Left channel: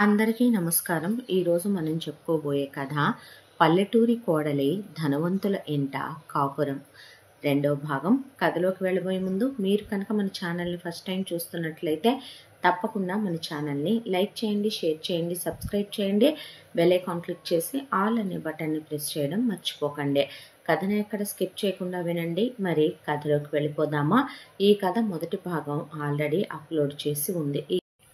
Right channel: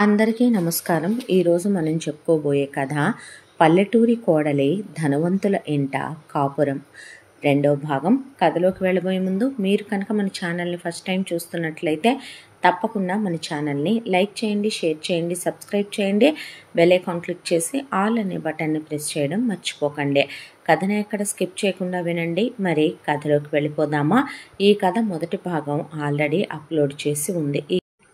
అందరికీ నమస్కారం. ఈరోజు మనం చెప్పుకోబోయే కథ పల్లెటూరి కోడలి ధనవంతుల ఇంట కాపురం రెండో భాగం. కథలోకి వెళ్ళబోయే ముందు మీరు కనుక మన ఛానల్ని ఫస్ట్ టైం చూస్తున్నట్లయితే తప్పకుండా మన ఛానల్ని లైక్ చేయండి, షేర్ చేయండి, సబ్స్క్రైబ్ చేయండి, బెల్ ఐకాన్ క్లిక్ చేసి ఆల్ అనే బటన్ని ప్రెస్ చేయడం మర్చిపోకండి. కథను ఎక్కడ స్కిప్ చేయకుండా వినండి. మరి కథలోకి వెళ్ళిపోదామా? ఈ కథ మొదటి భాగం ఆల్రెడీ అప్లోడ్ చేసి ఉంది.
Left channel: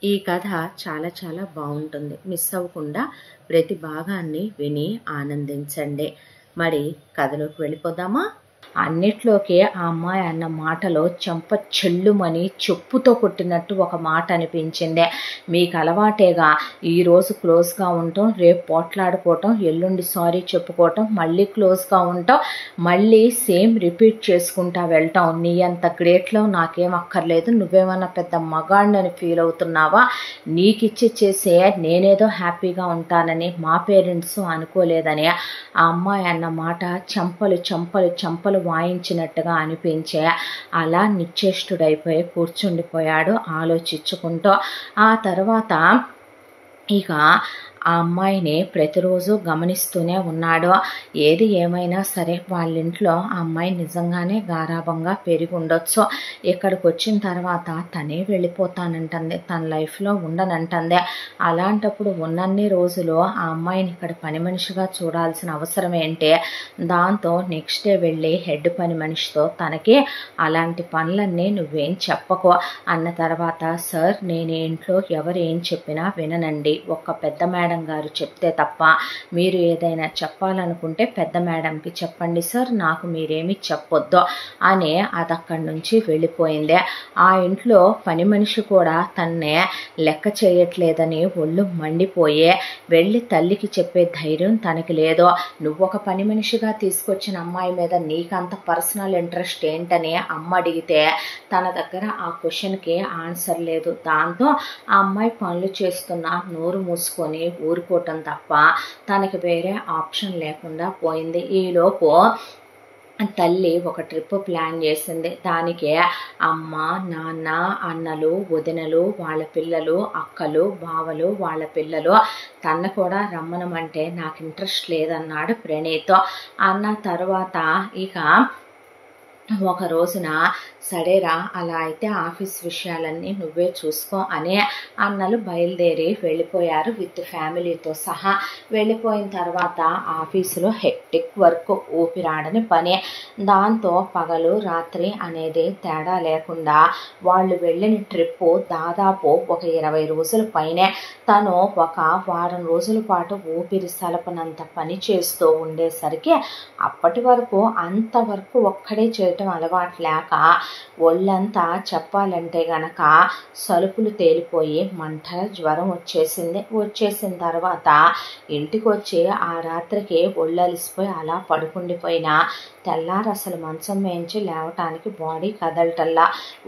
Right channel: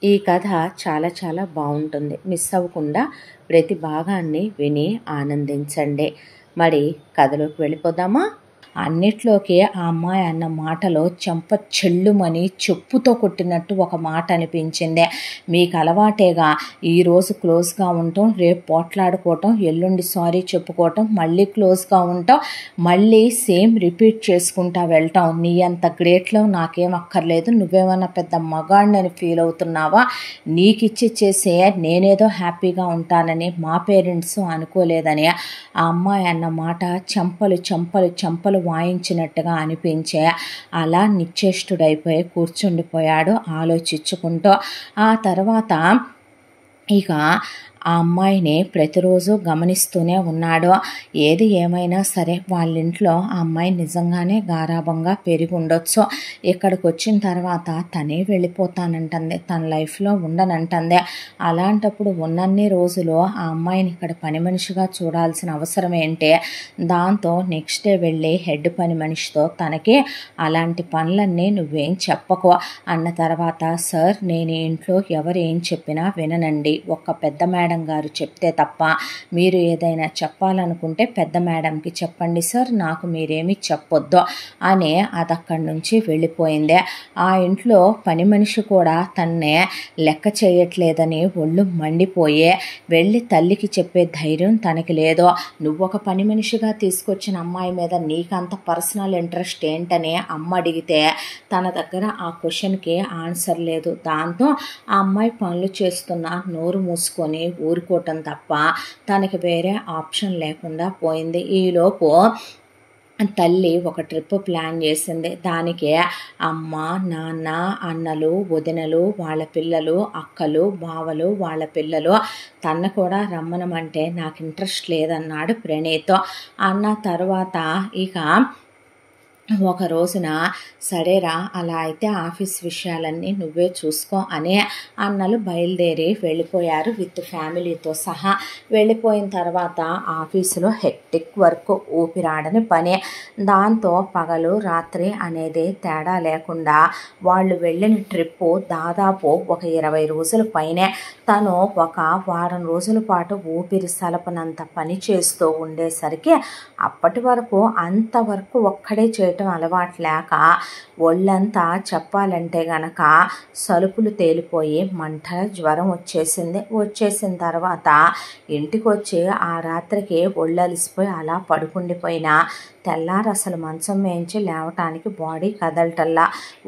ఈ కథ చాలా బాగుంటుంది. మిస్ అవ్వకుండా ప్రతి భాగాన్ని విని ఆనందించండి. మరి కథలోకి వెళ్ళిపోదామా? అన్నిట్లోకి ఆ అమ్మాయి అన్న మాటలో చెంప చెల్లుమని చెప్పుతో కొట్టినట్టు ఒక మాట అనిపించింది. మీకు అలవాటేగా, ఈరోజు క్లోజ్గా ఉండటం, రేపు పోట్లాడుకోవటం, ఎల్లుండి సారీ చెప్పుకోవటం, మళ్ళీ క్లోజ్గా ఉండటం, మళ్ళీ సేమ్ రిపీట్ చేసుకుంటా వెళ్ళటం. నీ అంత గ్రేట్లో నాకేం అక్కర్లేదు. నువ్వేమన్నా పెద్ద మగాడిని ఫీల్ అవుతున్నావా? నీకిచ్చి చేసే నేనేదో హ్యాపీగా ఉంటానని మా పేరెంట్స్ అనుకోలేదని ఆ అమ్మాయి అన్న మాట చెంపలు వాయించినట్టుగా అనిపించే అలా నిశ్చేష్టుడైపోయి కూర్చుండిపోయాడు ఆలోచించుకుంటూ. ఆ తర్వాత ఇక ఆ అమ్మాయిని ప్రతిరోజు గమనిస్తూనే ఉన్నాడు. ఏది ఏమైనా సరే వాళ్ళ ఇంట్లో ఆ అమ్మాయి నిజంగానే గారాబంగా పెరిగి ఉండొచ్చు. ఇక్కడికి వచ్చిన తర్వాత తనే వెళ్ళిపోతానంటుంది, తన లైఫ్లో ఉండనంటుంది. అలాంటప్పుడు ఉన్నన్ని రోజులు ఆ అమ్మాయిని ఇక్కడ పని మనిషిగా చూడాల్సిన అవసరం ఏంటి? దాంతో నెక్స్ట్ డే వెళ్ళి హెడ్ పని మనిషితో తనకి అలాంటి పనులన్నీ నువ్వేం చెప్పకో అన్న తర్వాత, సార్ నేను ఇంట్లో ఎవరు ఏం చెప్పినా విననండి. ఒక్క పెద్ద మేడం గారు చెప్తే తప్ప మీరు ఏదైనా చెప్పాలనుకుంటే పెద్ద మేడంకి చెప్పండి సార్, నాకు మీరేమి చెప్పొద్దు అని అది అక్కడి నుంచి వెళ్ళిపోయింది. ఆ ఇంట్లో పని మనిషి కూడా తన్నే లెక్క చేయట్లేదని ఒళ్ళు మండిపోయే వెళ్ళి తల్లికి చెప్పే ధైర్యం తనకి లేదు. నువ్వొక పని మనిషిగా తీసుకొచ్చిన అమ్మాయి మీద నీకంత పర్సనల్ ఇంట్రెస్ట్ ఏంటని అమ్మ అడిగితే తన దగ్గర ఆ క్వశ్చన్కి ఆన్సర్ లేదు. దాంతో ఆ అమ్మాయి పనులు చేస్తున్న నోరు మూసుకొని ఊరుకోవటం తప్ప తనకి వేరే ఆప్షన్ లేకుండా పోయింది. ఈలోపు తల్లి ఒక ట్రిప్ ప్లాన్ చేసింది. దానికి అమ్మ, నాన్న, అన్నలు, వదినలు, వాళ్ళ పిల్లలు, అక్కలు, బావలు, వాళ్ళ పిల్లలు తన కూడా రమ్మనమంటే నాకు ఇంట్రెస్ట్ లేదన్నాడు ప్రణీత్. అన్న తర్వాత ఇక ఒక రోజున సరేరా, అలా అయితే ఆఫీస్ విషయాలన్నీ నువ్వే చూసుకో అని అన్నలు బయలుదేరి వెళ్ళిపోయారు విత్ ఫ్యామిలీతో సహా. వెళ్ళిపోయిన తర్వాత ఆఫీసులో హెక్టిక్ వర్క్, ఊపిరాడని పని. దాంతో పగలు రాత్రి అనేది తేడా లేకుండా వాళ్ళు వెళ్ళిన ట్రిప్పు దాదాపు ఒక 20 రోజుల పైనే. తను ఒక వారం రోజుల పాటు ఊపిరి సలపనంత పని చేస్తూ ఉండేసరికి అప్పటి వరకు అంతవరకు ఒక్కడే చేయటం అలవాటు లేక ఒళ్ళంతా చెప్పాలంటే గనక సలుపులు తేలిపోయి మంటల జ్వరం వచ్చేసింది. వచ్చేసిన తర్వాత ఇంటికి వచ్చి ఆ రాత్రికి ఒళ్ళలిసిపోయి అలా పడుకుండిపోయినా తెల్లారు అసలు మంచం మేంచి లేవటానికి బాడీ కదలటల్లా,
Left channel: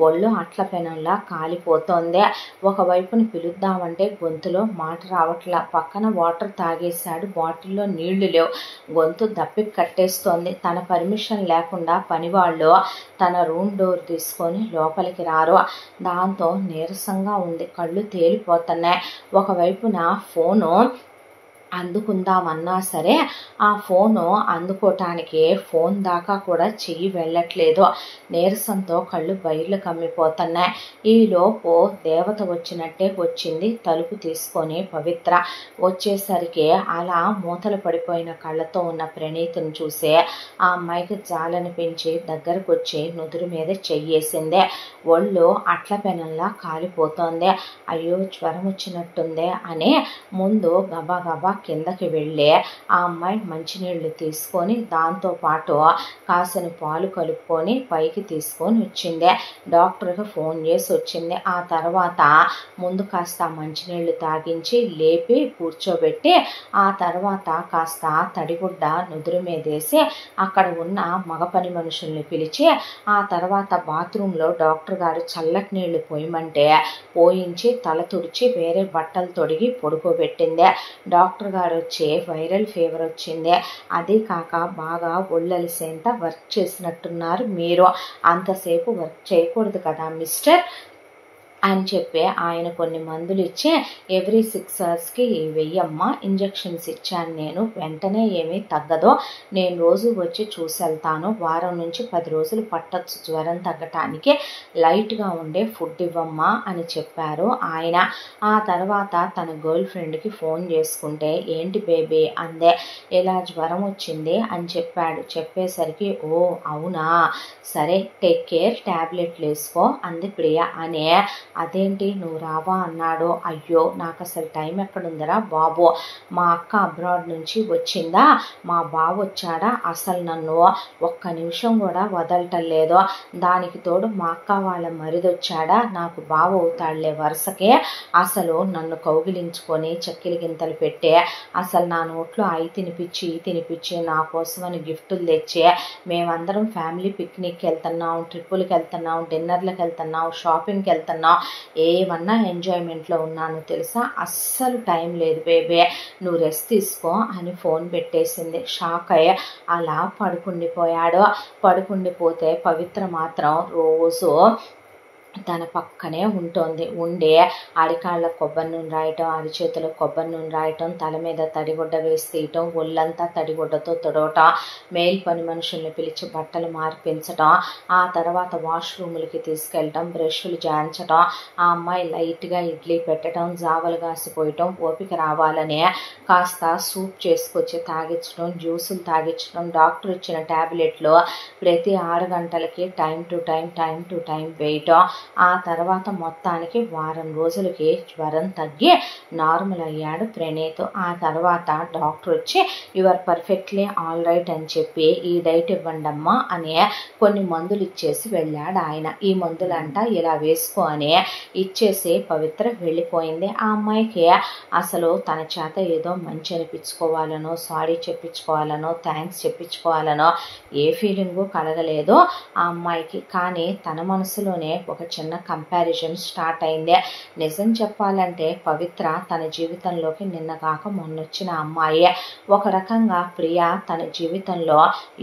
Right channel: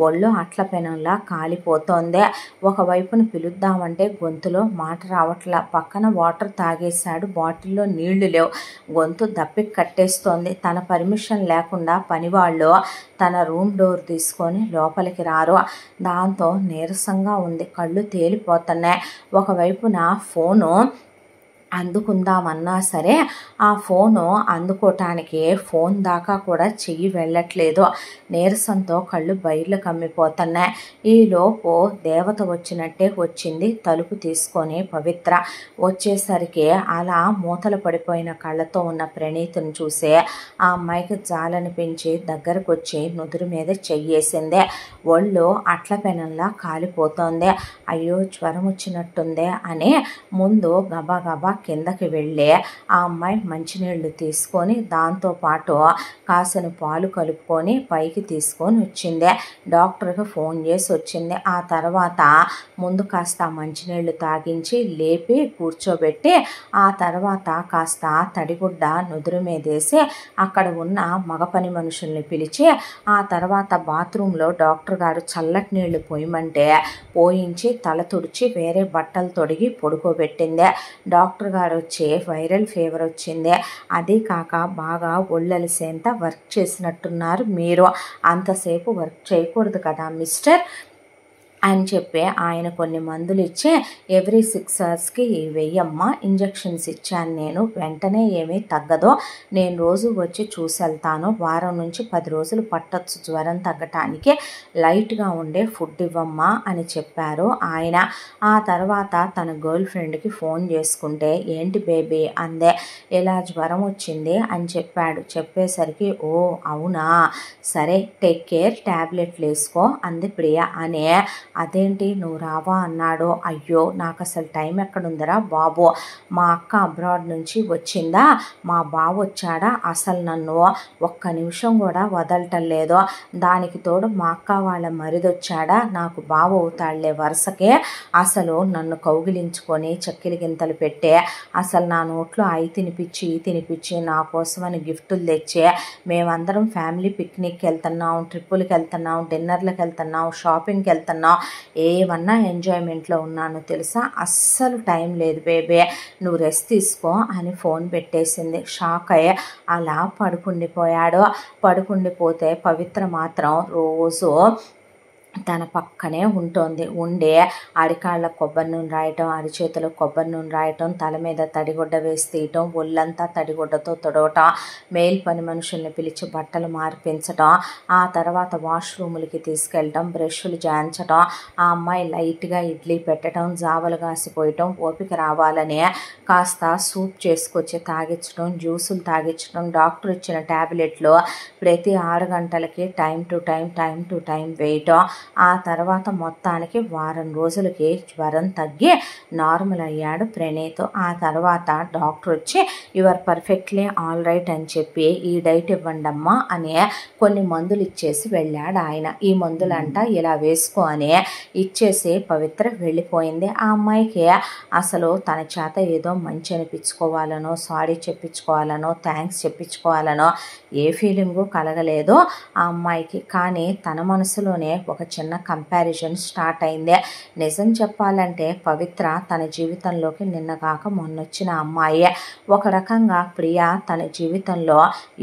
ఒళ్ళు అట్ల పెనంలా కాలిపోతోంది. ఒకవైపున పిలుద్దామంటే గొంతులో మాట రావట్లా. పక్కన వాటర్ తాగేశాడు, బాటిల్లో నీళ్లు లేవు, గొంతు దప్పికి కట్టేస్తోంది. తన పర్మిషన్ లేకుండా పనివాళ్ళు తన రూమ్ డోర్ తీసుకొని లోపలికి రారు. దాంతో నీరసంగా ఉంది, కళ్ళు తేలిపోతున్నాయి. ఒకవైపున ఫోను అందుకుందామన్నా సరే ఆ ఫోను అందుకోవటానికి ఫోన్ దాకా కూడా చెయ్యి వెళ్ళట్లేదు. నీరసంతో కళ్ళు బయర్లు కమ్మిపోతున్నాయి. ఈలోపు దేవత వచ్చినట్టే వచ్చింది తలుపు తీసుకొని పవిత్ర. వచ్చేసరికి అలా మూతలు పడిపోయిన కళ్ళతో ఉన్న ప్రణీతిని చూసి ఆ అమ్మాయికి జాలనిపించి దగ్గరకు వచ్చి నుదురు మీద చెయ్యేసింది. ఒళ్ళు అట్ల పెనంలా కాలిపోతోంది. అయ్యో జ్వరం వచ్చినట్టుందే అని ముందు గబా కిందకి వెళ్ళి ఆ అమ్మాయి మంచినీళ్ళు తీసుకొని దాంతోపాటు కాసిన పాలు కలుపుకొని పైకి తీసుకొని వచ్చింది. డాక్టర్కి ఫోన్ చేసి వచ్చింది. ఆ తర్వాత ముందు కాస్త మంచినీళ్ళు తాగించి లేపి కూర్చోబెట్టి ఆ తర్వాత కాస్త తడిగుడ్డ నుదురు మీదేసి అక్కడ ఉన్న మగ పని మనుషుల్ని పిలిచి ఆ తర్వాత బాత్రూంలో డాక్టర్ గారు చల్లటి నీళ్లు పోయమంటే పోయించి తల తుడిచి వేరే బట్టలు తొడిగి పడుకోబెట్టింది. డాక్టర్ గారు వచ్చి వైరల్ ఫీవర్ వచ్చింది, అదే కాక బాగా ఒళ్ళలిసేంత వర్క్ చేసినట్టున్నారు, మీరు అంతసేపు వర్క్ చేయకూడదు కదా మిస్టర్, అని చెప్పి ఆయన కొన్ని మందులు ఇచ్చి ఎవ్రీ 6 అవర్స్కి వెయ్యమ్మా ఇంజెక్షన్స్ ఇచ్చాను నేను, వెంటనే ఏమీ తగ్గదో, నేను రోజు వచ్చి చూసి వెళ్తాను, వారం నుంచి 10 రోజులు పట్టొచ్చు జ్వరం తగ్గటానికి, లైట్గా ఉండే ఫుడ్ ఇవ్వమ్మా అని చెప్పారు ఆయన. ఆ తర్వాత తన గర్ల్ ఫ్రెండ్కి ఫోన్ చేసుకుంటే ఏంటి బేబీ అందే, ఇలా జ్వరం వచ్చింది అని చెప్పాడు. చెప్పేసరికి ఓ అవునా సరే టేక్ కేర్, ట్యాబ్లెట్లు వేసుకో అంది ప్రియ. అనే అదేంటి నువ్వు రావా అన్నాడు. అయ్యో నాకు అసలు టైం ఎక్కడుందరా బాబు, మా అక్క అబ్రాడ్ నుంచి వచ్చిందా, మా బావ వచ్చాడా, అసలు నన్ను ఒక్క నిమిషం కూడా వదలటం లేదు, దానికి తోడు మా అక్క వాళ్ళ మరిదొచ్చాడా, నాకు బావ అవుతాడులే వరుసకే, అసలు నన్ను కౌగిలించుకొని చెక్కిలి గింతలు పెట్టే, అసలు నా నోట్లో అయి తినిపించి ఈ తినిపించి నా కోసమని గిఫ్టులు తెచ్చే, మేమందరం ఫ్యామిలీ పిక్నిక్కి వెళ్తున్నాం, ట్రిప్పులకి వెళ్తున్నాం, డిన్నర్లకు వెళ్తున్నాం, షాపింగ్కి వెళ్తున్నాం, ఏమన్నా ఎంజాయ్మెంట్లో ఉన్నాను తెలుసా, అస్సలు టైం లేదు బేబే, నువ్వు రెస్ట్ తీసుకో అని ఫోన్ పెట్టేసింది. షాక్ అయ్యే అలా పడుకుండిపోయాడు. పడుకుండిపోతే పవిత్ర మాత్రం రోజు తన పక్కనే ఉంటుంది. ఉండే అరికాళ్ళ కొబ్బరి నూనె రాయటం, అరిచేతులు కొబ్బరి నూనె రాయటం, తల మీద తడిగుడ్డ వేసి తీయటం, ఒళ్ళంతా తడిగుడ్డతో తొడవటం, మేల్ పని మనుషుల్ని పిలిచి బట్టలు మార్పించటం, ఆ తర్వాత వాష్రూములకి తీసుకెళ్ళటం, బ్రష్లు జాయించటం, ఆ అమ్మాయి లైట్గా ఇడ్లీ పెట్టడం, జావలు కాసిపోయటం, ఓపిక రావాలనే కాస్త సూప్ చేసుకొచ్చి తాగించడం, జ్యూసులు తాగించడం, డాక్టర్ ఇచ్చిన ట్యాబ్లెట్లు ప్రతి 6 గంటలకి టైం టు టైం వేయటం. ఆ తర్వాత మొత్తానికి వారం రోజులకి జ్వరం తగ్గి నార్మల్ అయ్యాడు ప్రణీత్. ఆ తర్వాత డాక్టర్ వచ్చి యువర్ పర్ఫెక్ట్లీ ఆల్ రైట్ అని చెప్పి ఈ డైట్ ఇవ్వండి అమ్మా అని కొన్ని మందులు ఇచ్చేసి వెళ్ళాడు ఆయన. ఈ మందులంట ఇలా వేసుకో అని ఇచ్చేసి పవిత్ర వెళ్ళిపోయింది. ఆ అమ్మాయికి అసలు తన చేత ఏదో మంచి అనిపించుకోవాలనో, సారీ చెప్పించుకోవాలనో, థ్యాంక్స్ చెప్పించుకోవాలనో ఏ ఫీలింగు కలగలేదు ఆ అమ్మాయికి. కానీ తన మనసులోనే ఒక చిన్న కంపారిజన్ స్టార్ట్ అయింది. నిజం చెప్పాలంటే పవిత్ర తన జీవితంలోకి నిన్న కాక మొన్నొచ్చిన అమ్మాయి. ఒక రకంగా ప్రియ తన జీవితంలో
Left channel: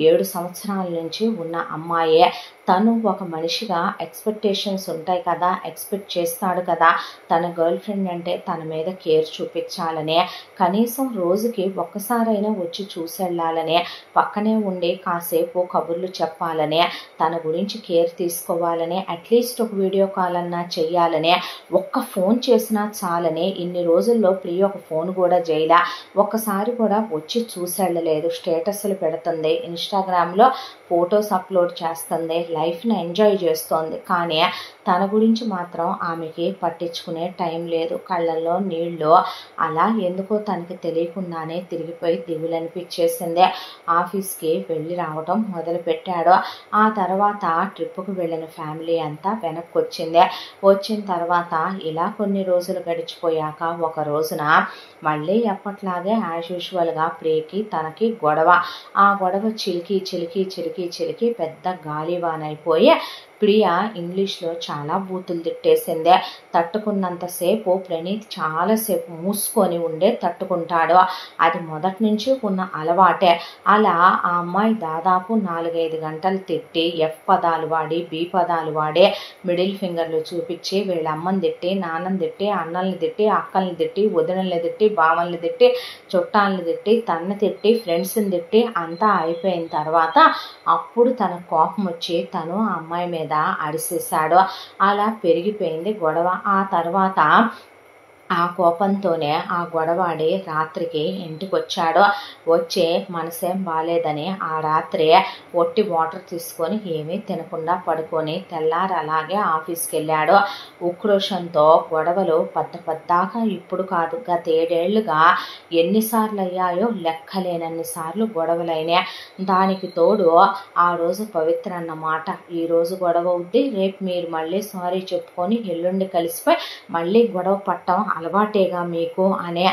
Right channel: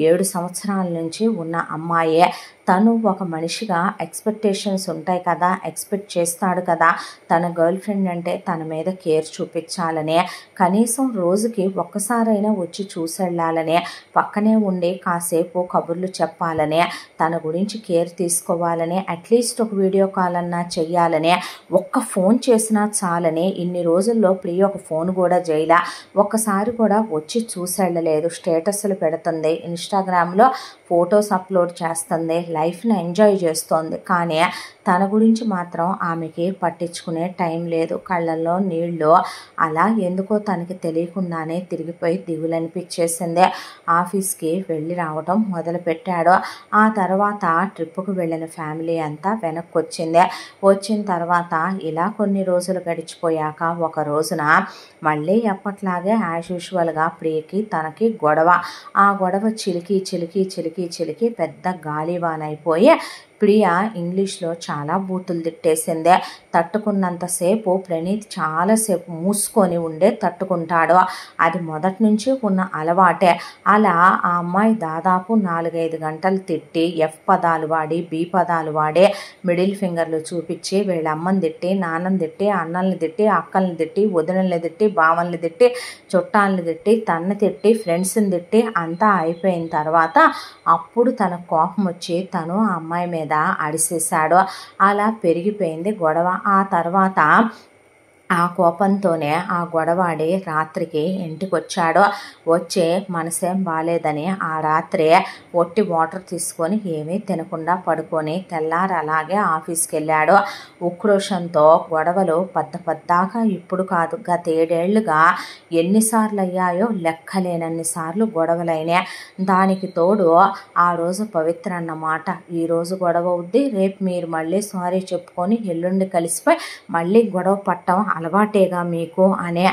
7 సంవత్సరాల నుంచి ఉన్న అమ్మాయే. తను ఒక మనిషిగా ఎక్స్పెక్టేషన్స్ ఉంటాయి కదా, ఎక్స్పెక్ట్ చేస్తాడు కదా తన గర్ల్ ఫ్రెండ్ అంటే తన మీద కేర్ చూపించాలనే, కనీసం రోజుకి ఒక్కసారైనా వచ్చి చూసెళ్ళాలనే, పక్కనే ఉండి కాసేపు కబుర్లు చెప్పాలనే, తన గురించి కేర్ తీసుకోవాలనే, అట్లీస్ట్ ఒక వీడియో కాల్ అన్నా చెయ్యాలనే, ఒక్క ఫోన్ చేసినా చాలని. ఇన్ని రోజుల్లో ప్రియ ఒక ఫోన్ కూడా చేయలే, ఒక్కసారి కూడా వచ్చి చూసెళ్ళలేదు. స్టేటస్లు పెడుతుంది, ఇన్స్టాగ్రామ్లో ఫొటోస్ అప్లోడ్ చేస్తుంది, లైఫ్ని ఎంజాయ్ చేస్తోంది. కానీ తన గురించి మాత్రం ఆమెకి పట్టించుకునే టైం లేదు. కళ్ళల్లో నీళ్ళు అలా ఎందుకో తనకి తెలియకుండానే తిరిగిపోయి దిగులనిపించేసింది. ఆఫీస్కి వెళ్ళి రావడం మొదలుపెట్టాడు. ఆ తర్వాత ట్రిప్పుకు వెళ్ళిన ఫ్యామిలీ అంతా వెనక్కి వచ్చింది. వచ్చిన తర్వాత ఇలా కొన్ని రోజులు గడిచిపోయాక ఒక రోజున మళ్ళీ ఎప్పట్లాగే యాజ్ యూజువల్గా ప్రియకి తనకి గొడవ. ఆ గొడవ చిలికి పెద్ద గాలివానైపోయి ప్రియ ఇంగ్లీష్లో చాలా బూతులు తిట్టేసిందే. తట్టుకున్నంతసేపు ప్రణీత్ చాలాసేపు మూసుకొని ఉండే తట్టుకుంటాడు. అది మొదటి నుంచి ఉన్న అలవాటే. అలా ఆ అమ్మాయి దాదాపు 4-5 గంటలు తిట్టి ఎఫ్ పదాలు వాడి, బి పదాలు వాడి, మిడిల్ ఫింగర్లు చూపించి వీళ్ళ అమ్మని తిట్టి, నాన్నని తిట్టి, అన్నల్ని తిట్టి, అక్కల్ని తిట్టి, వదినల్ని తిట్టి, బావల్ని తిట్టి, చుట్టాలని తిట్టి, తన్ని తిట్టి, ఫ్రెండ్స్ని తిట్టి అంతా అయిపోయిన తర్వాత అప్పుడు తన కోపం వచ్చి తను ఆ అమ్మాయి మీద అరిసేశాడు. అలా పెరిగిపోయింది గొడవ. ఆ తర్వాత ఆ కోపంతోనే ఆ గొడవాడి రాత్రికి ఇంటికి వచ్చాడు. వచ్చి మనసేం బాగాలేదని ఆ రాత్రి ఒట్టి వాటర్ తీసుకొని ఏమీ తినకుండా పడుకొని తెల్లారు అలాగే ఆఫీస్కి వెళ్ళాడు. ఉక్రోషంతో గొడవలు పద్దాకా ఇప్పుడు కాదు, గత 7 ఏళ్లుగా ఎన్నిసార్లు అయ్యాయో లెక్కలేనన్ని సార్లు గొడవలైనాయి. దానికి తోడు ఆ రోజు పవిత్ర అన్నమాట, ఈరోజు గొడవ అవుద్ది, రేపు మీరు మళ్ళీ సారీ చెప్పుకొని ఎల్లుండి కలిసిపోయి మళ్ళీ గొడవ పట్టం అలవాటేగా మీకు అనే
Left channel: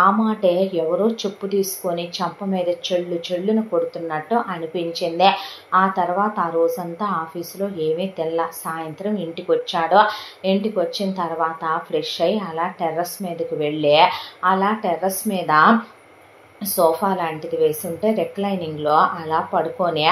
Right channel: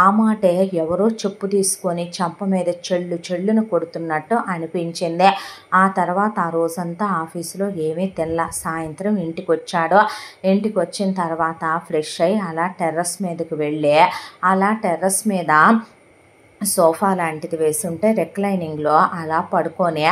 ఆ మాటే ఎవరో చెప్పు తీసుకొని చంప మీద చెళ్ళును కొడుతున్నట్టు అనిపించింది. ఆ తర్వాత ఆ రోజంతా ఆఫీసులో ఏమీ తెల్ల. సాయంత్రం ఇంటికి వచ్చాడు. ఇంటికి వచ్చిన తర్వాత ఫ్రెష్ అయ్యి అలా టెర్రస్ మీదకి వెళ్ళి అలా టెర్రస్ మీద సోఫా లాంటిది వేసి ఉంటే రిక్లైనింగ్లో అలా పడుకొని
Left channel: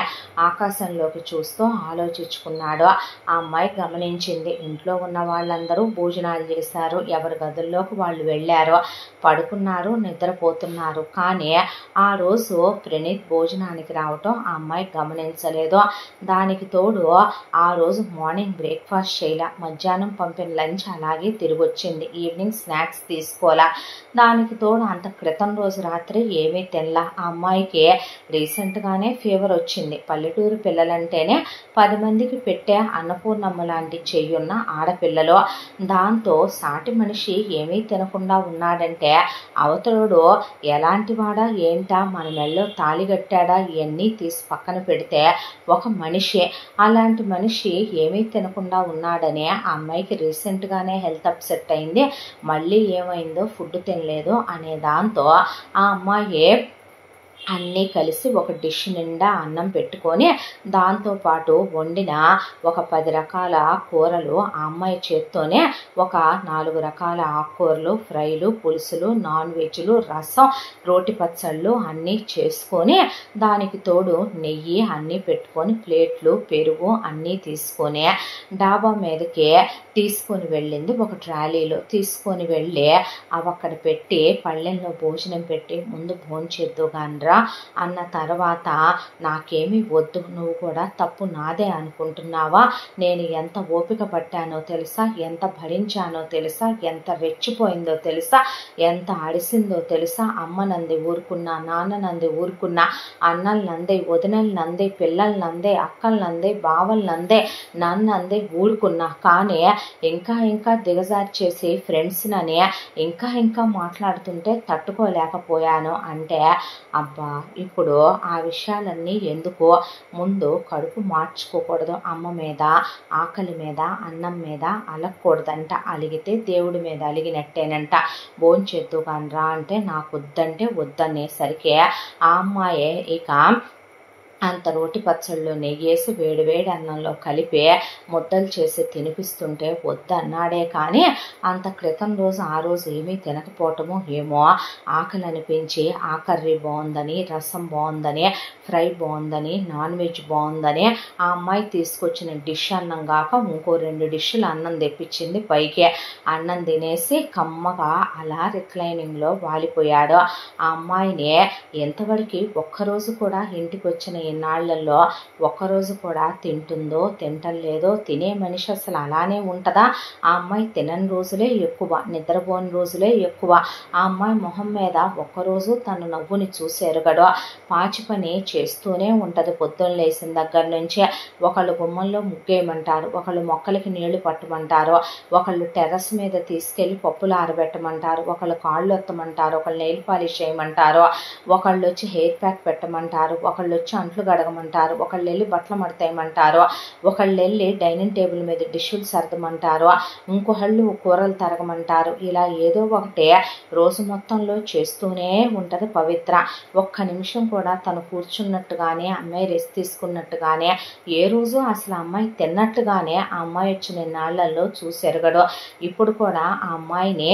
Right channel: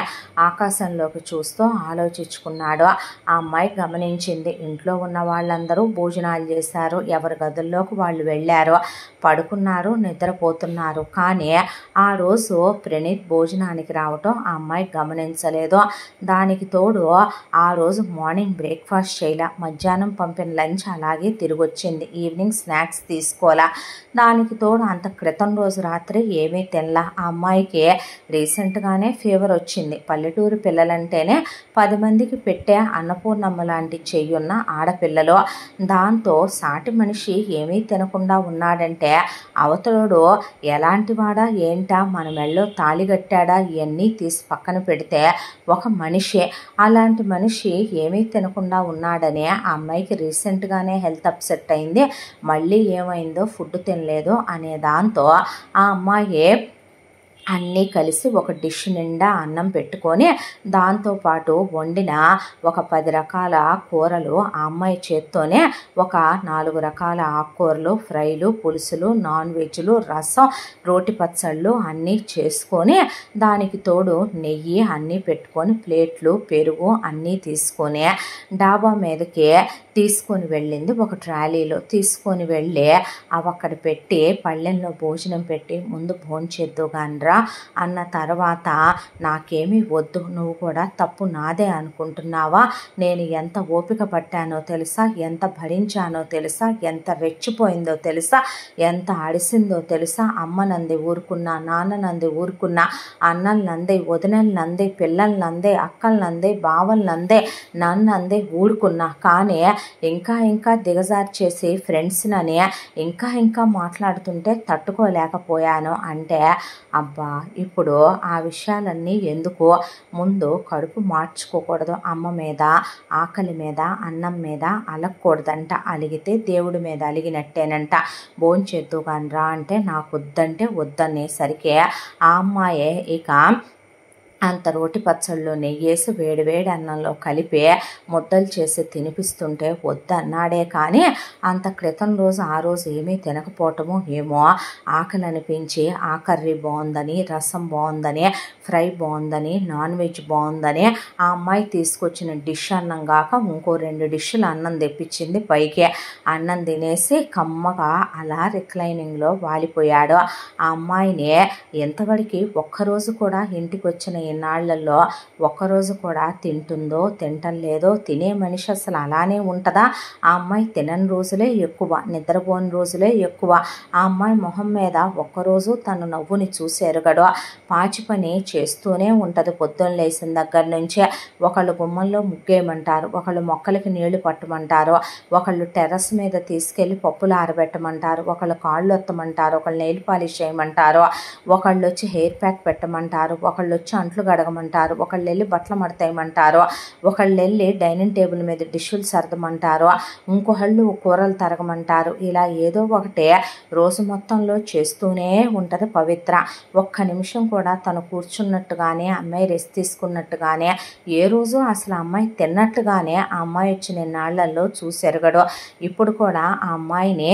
ఆకాశంలోకి చూస్తూ ఆలోచించుకున్నాడు. ఆ అమ్మాయి గమనించింది. ఇంట్లో ఉన్న వాళ్ళందరూ భోజనాలు చేశారు, ఎవరి గదుల్లోకి వాళ్ళు వెళ్ళారు, పడుకున్నారు, నిద్రపోతున్నారు. కానీ ఆ రోజు ప్రణీత్ భోజనానికి రావటం ఆ అమ్మాయి గమనించలేదు. దానికి తోడు ఆ రోజు మార్నింగ్ బ్రేక్ఫాస్ట్ చేయలే, మధ్యాహ్నం పంపిన లంచ్ అలాగే తిరిగి వచ్చింది, ఈవినింగ్ స్నాక్స్ తీసుకోలే. దానికి తోడు అంత క్రితం రోజు రాత్రి ఏమీ తినలా. ఆ అమ్మాయికి రీసెంట్గానే ఫీవర్ వచ్చింది. పల్లెటూరు పిల్లలంటేనే 10 మందికి పెట్టే అన్నపూర్ణమ్మ లాంటి చెయ్యున్న ఆడపిల్లలు. దాంతో సాటి మనిషి ఏమీ తినకుండా ఉన్నాడంటే అవతలోడు ఎలాంటి వాడా ఏంటా, మన మెళ్ళో తాళి కట్టాడా, ఇవన్నీ తీసి పక్కన పెడితే ఒక మనిషి. అలాంటి మనిషి ఏమీ తినకుండా ఉన్నాడని ఆ అమ్మాయికి రీసెంట్గానే హెల్త్ అప్సెట్ అయింది. మళ్ళీ ఏమైందో ఫుడ్ తినలేదు అనే దాంతో ఆ అమ్మాయి అన్నీ కలిసి ఒక డిష్ నిండా అన్నం పెట్టుకొని దాంతోపాటు వండిన ఒక 10 రకాల కూరలు ఆ అమ్మాయి చేత్తోనే ఒక 4 రకాల ఆకుకూరలు, ఫ్రైలు, పులుసులు, నాన్ వెజ్లు, రసం, రోటి పచ్చళ్ళు అన్నీ చేసుకొని దానికి తోడు నెయ్యి అన్నీ పెట్టుకొని ప్లేట్లు, పెరుగు అన్నీ తీసుకొని డాబా మీదకి తీసుకొని వెళ్ళింది. ఒక ట్రాలీలో తీసుకొని వెళ్ళి అవి అక్కడ పెట్టి పళ్ళెంలో భోజనం పెట్టి ముందు భోంచేద్దు గానరా అన్న తర్వాత, నాకేమీ వద్దు, నువ్వు కూడా తప్పు నాదే అనుకుంటున్నావా, నేను ఎంత ఓపిక పట్టానో తెలుసా, ఎంత భరించానో తెలుసా, ఎంత రెచ్చిపోయిందో తెలుసా, ఎంత అడిసిందో తెలుసా, అమ్మ నంది ఊరుకున్నా, నాన్న నంది ఊరుకున్నా, అన్నలు నందే, వదినలు నందే, పిల్లలు నందే, అక్కలు నందే, బావలు నందే, నన్ను అందే ఊరుకున్నా. కానీ ఇంకా దిగజార్చేసి ఫ్రెండ్స్నని ఇంకా మాట్లాడుతుంటే తట్టుకోలేకపోయాను అంటే, అబ్బా ఇప్పుడు ఆ విషయాలన్నీ ఎందుకు, ముందు కడుపు మార్చుకోకూడదు, అమ్మ మీద, ఆకలి మీద, అన్నం మీద అలగకూడదంట, అలిగితే దేవుడి మీద అలిగినట్టేనంట, భోంచేద్దు కానరా అంటే నాకు వద్దంటే వద్దనేసరికి ఆ అమ్మాయే ఇక అంత రోటి పచ్చళ్ళు నెయ్యేసి వేడివేడి అన్నంలో కలిపి ముద్దలు చేసి తినిపిస్తుంటే వద్దన్నాడే. కానీ అంత క్రితం రోజు ఆ రోజు ఏమీ తినకపోవటము ఏమో ఆకలి అనిపించి ఆ కర్రీ బాగుందని, రసం బాగుందని, ఫ్రై బాగుందని, నాన్ వెజ్ బాగుందని ఆ అమ్మాయి తీసుకొచ్చిన డిష్ అన్నం కాక ఇంకో 2 డిష్లు అన్నం తెప్పించింది. పైకి అన్నం తినేసి కమ్మగా అలా రిక్లైనింగ్లో వాలిపోయాడు. ఆ అమ్మాయిని ఎంతవరకు ఒక్కరోజు కూడా ఇంటికి వచ్చిన ఇన్నాళ్లలో ఒక్కరోజు కూడా తింటుందో తింటలేదో, తినే మనిషి అసలు అలానే ఉంటుందా? ఆ అమ్మాయి తినని రోజులే ఎక్కువ, నిద్రపోని రోజులే ఎక్కువ. ఆ అమ్మాయి మొహం మీద ఒక్కరోజు తను నవ్వుని చూసేరుగడు. పాచి పని చేస్తూనే ఉంటుంది పొద్దున్న లేచిన దగ్గర నుంచి. ఒకళ్ళు గుమ్మంలో ముగ్గేయమంటారు, ఒకళ్ళు మొక్కలకి నీళ్లు పట్టమంటారు, ఒకళ్ళు టెర్రస్ మీద తీసుకెళ్లి పప్పులు ఆరబెట్టమంటారు, ఒకళ్ళు కాళ్ళు ఒత్తమంటారు, ఒకళ్ళు నెయిల్ పాలిష్ చేయమంటారు, ఒకళ్ళు వచ్చి హెయిర్ ప్యాక్ పెట్టమంటారు, ఒకళ్ళు వచ్చి అంట్లు గడగమంటారు, ఒకళ్ళు వెళ్ళి బట్టలు మడతేయమంటారు, ఒకళ్ళు వెళ్ళి డైనింగ్ టేబుల్ మీద డిష్యూలు సర్దమంటారు, ఇంకొకళ్ళు కూరలు తరగమంటారు. ఇలా ఏదో ఒకటి రోజు మొత్తంలో చేస్తూనే ఉంటుంది పవిత్ర. ఒక్క నిమిషం కూడా తను కూర్చున్నట్టుగానే, అమ్మాయి రెస్ట్ తీసుకున్నట్టుగానే, ఏ రోజు అసలు అమ్మాయి తిన్నట్టుగానే ఆ అమ్మాయి వచ్చిన నాళ్లలో చూసెరగడు. ఇప్పుడు కూడా ఆ అమ్మాయిని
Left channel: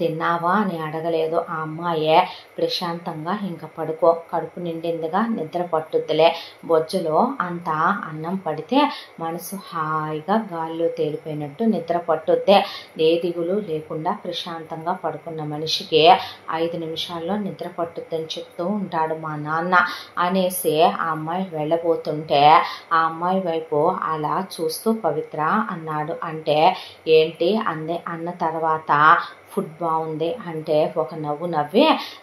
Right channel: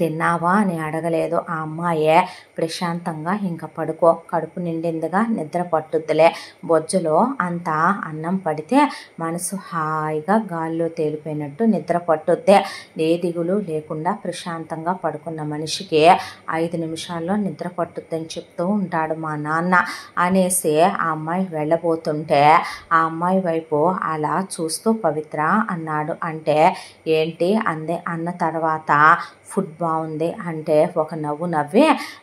తిన్నావా అని అడగలేదు. ఆ అమ్మాయే ప్రశాంతంగా ఇంకా పడుకో, కడుపు నిండిందిగా, నిద్ర పట్టుద్దులే, బొజ్జలో అంత అన్నం పడితే మనసు హాయిగా గాల్లో తేలిపోయినట్టు నిద్ర పట్టుద్దే. ఏ దిగులు లేకుండా ప్రశాంతంగా పడుకున్న మనిషికి 5 నిమిషాల్లో నిద్ర పట్టుద్దని చెప్తూ ఉంటాడు మా నాన్న అనేసి ఆ అమ్మాయి వెళ్ళబోతుంటే ఆ అమ్మాయి వైపు అలా చూస్తూ పవిత్ర అన్నాడు. అంటే ఏంటి అందే. అన్న తర్వాత ఫుడ్ బాగుంది అంటే ఒక నవ్వు నవ్వి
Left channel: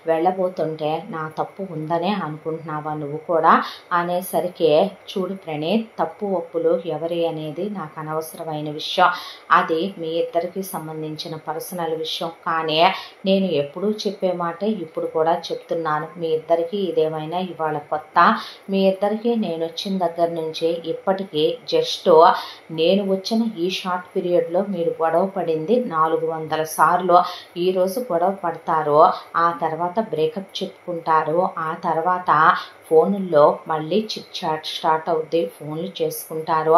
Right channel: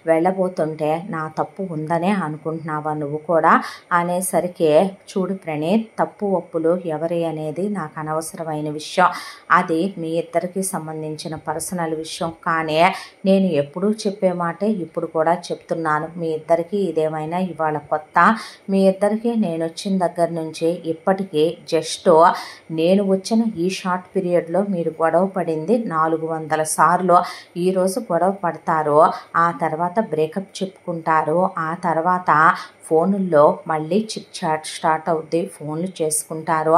వెళ్ళబోతుంటే, నా తప్పు ఉందనే అనుకుంటున్నావా నువ్వు కూడా అనేసరికి, చూడు ప్రణీత్, తప్పు ఒప్పులు ఎవరి అనేది నాకు అనవసరమైన విషయం, అది మీ ఇద్దరికి సంబంధించిన పర్సనల్ విషయం. కానీ నేను ఎప్పుడూ చెప్పే మాటే ఇప్పుడు కూడా చెప్తున్నాను, మీ ఇద్దరికి ఇదేమైనా ఇవాళ కొత్త? మీ ఇద్దరికి నేను వచ్చిన దగ్గర నుంచి ఇప్పటికీ జస్ట్ నేను వచ్చిన ఈ షార్ట్ పీరియడ్లో మీరు గొడవ పడింది 400 సార్లు. ఈరోజు గొడవ పడతారు, ఆ తర్వాత బ్రేకప్ చెప్పుకుంటారు, ఆ తర్వాత ఫోనుల్లో మళ్ళీ చిట్ చాట్ స్టార్ట్ అవుద్ది, ఫోన్లు చేసుకుంటారు.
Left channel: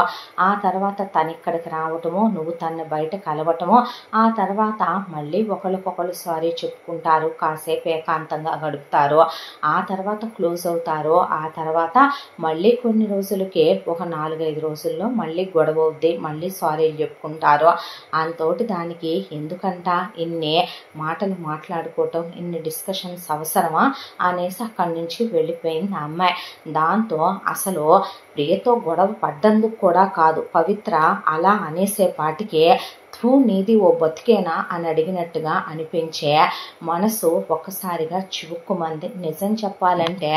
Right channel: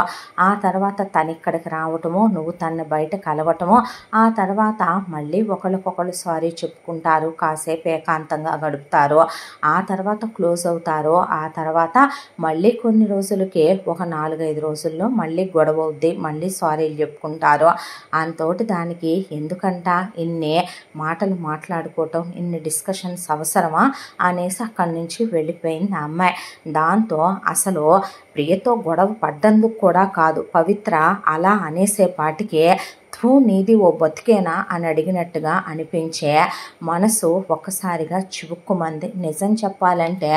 ఆ తర్వాత తను ఇక్కడికి రావటము, నువ్వు తన్ని బయట కలవటము, ఆ తర్వాత మళ్ళీ ఒకళ్ళకొకళ్ళు సారీ చెప్పుకుంటారు, కాసేపు ఏకాంతంగా గడుపుతారు, ఆ తర్వాత క్లోజ్ అవుతారు. ఆ తర్వాత మళ్ళీ కొన్ని రోజులకి ఒక 4-5 రోజుల్లో మళ్ళీ గొడవ అవుద్ది, మళ్ళీ సారీలు చెప్పుకుంటారు. అంతోటి దానికి ఎందుకంట ఇన్ని మాటలు మాట్లాడుకోవటం, ఇన్ని డిస్కషన్స్ అవసరమా అనేసి అక్కడి నుంచి వెళ్ళిపోయింది ఆ అమ్మాయి. దాంతో అసలు ప్రియతో గొడవ పడ్డందుకు కూడా కాదు, పవిత్ర అలా అనేసేపాటికే నీది ఓ బతికేనా అని అడిగినట్టుగా అనిపించే మనసు ఒక్కసారిగా చివుక్కుమంది. నిజం చెప్పాలంటే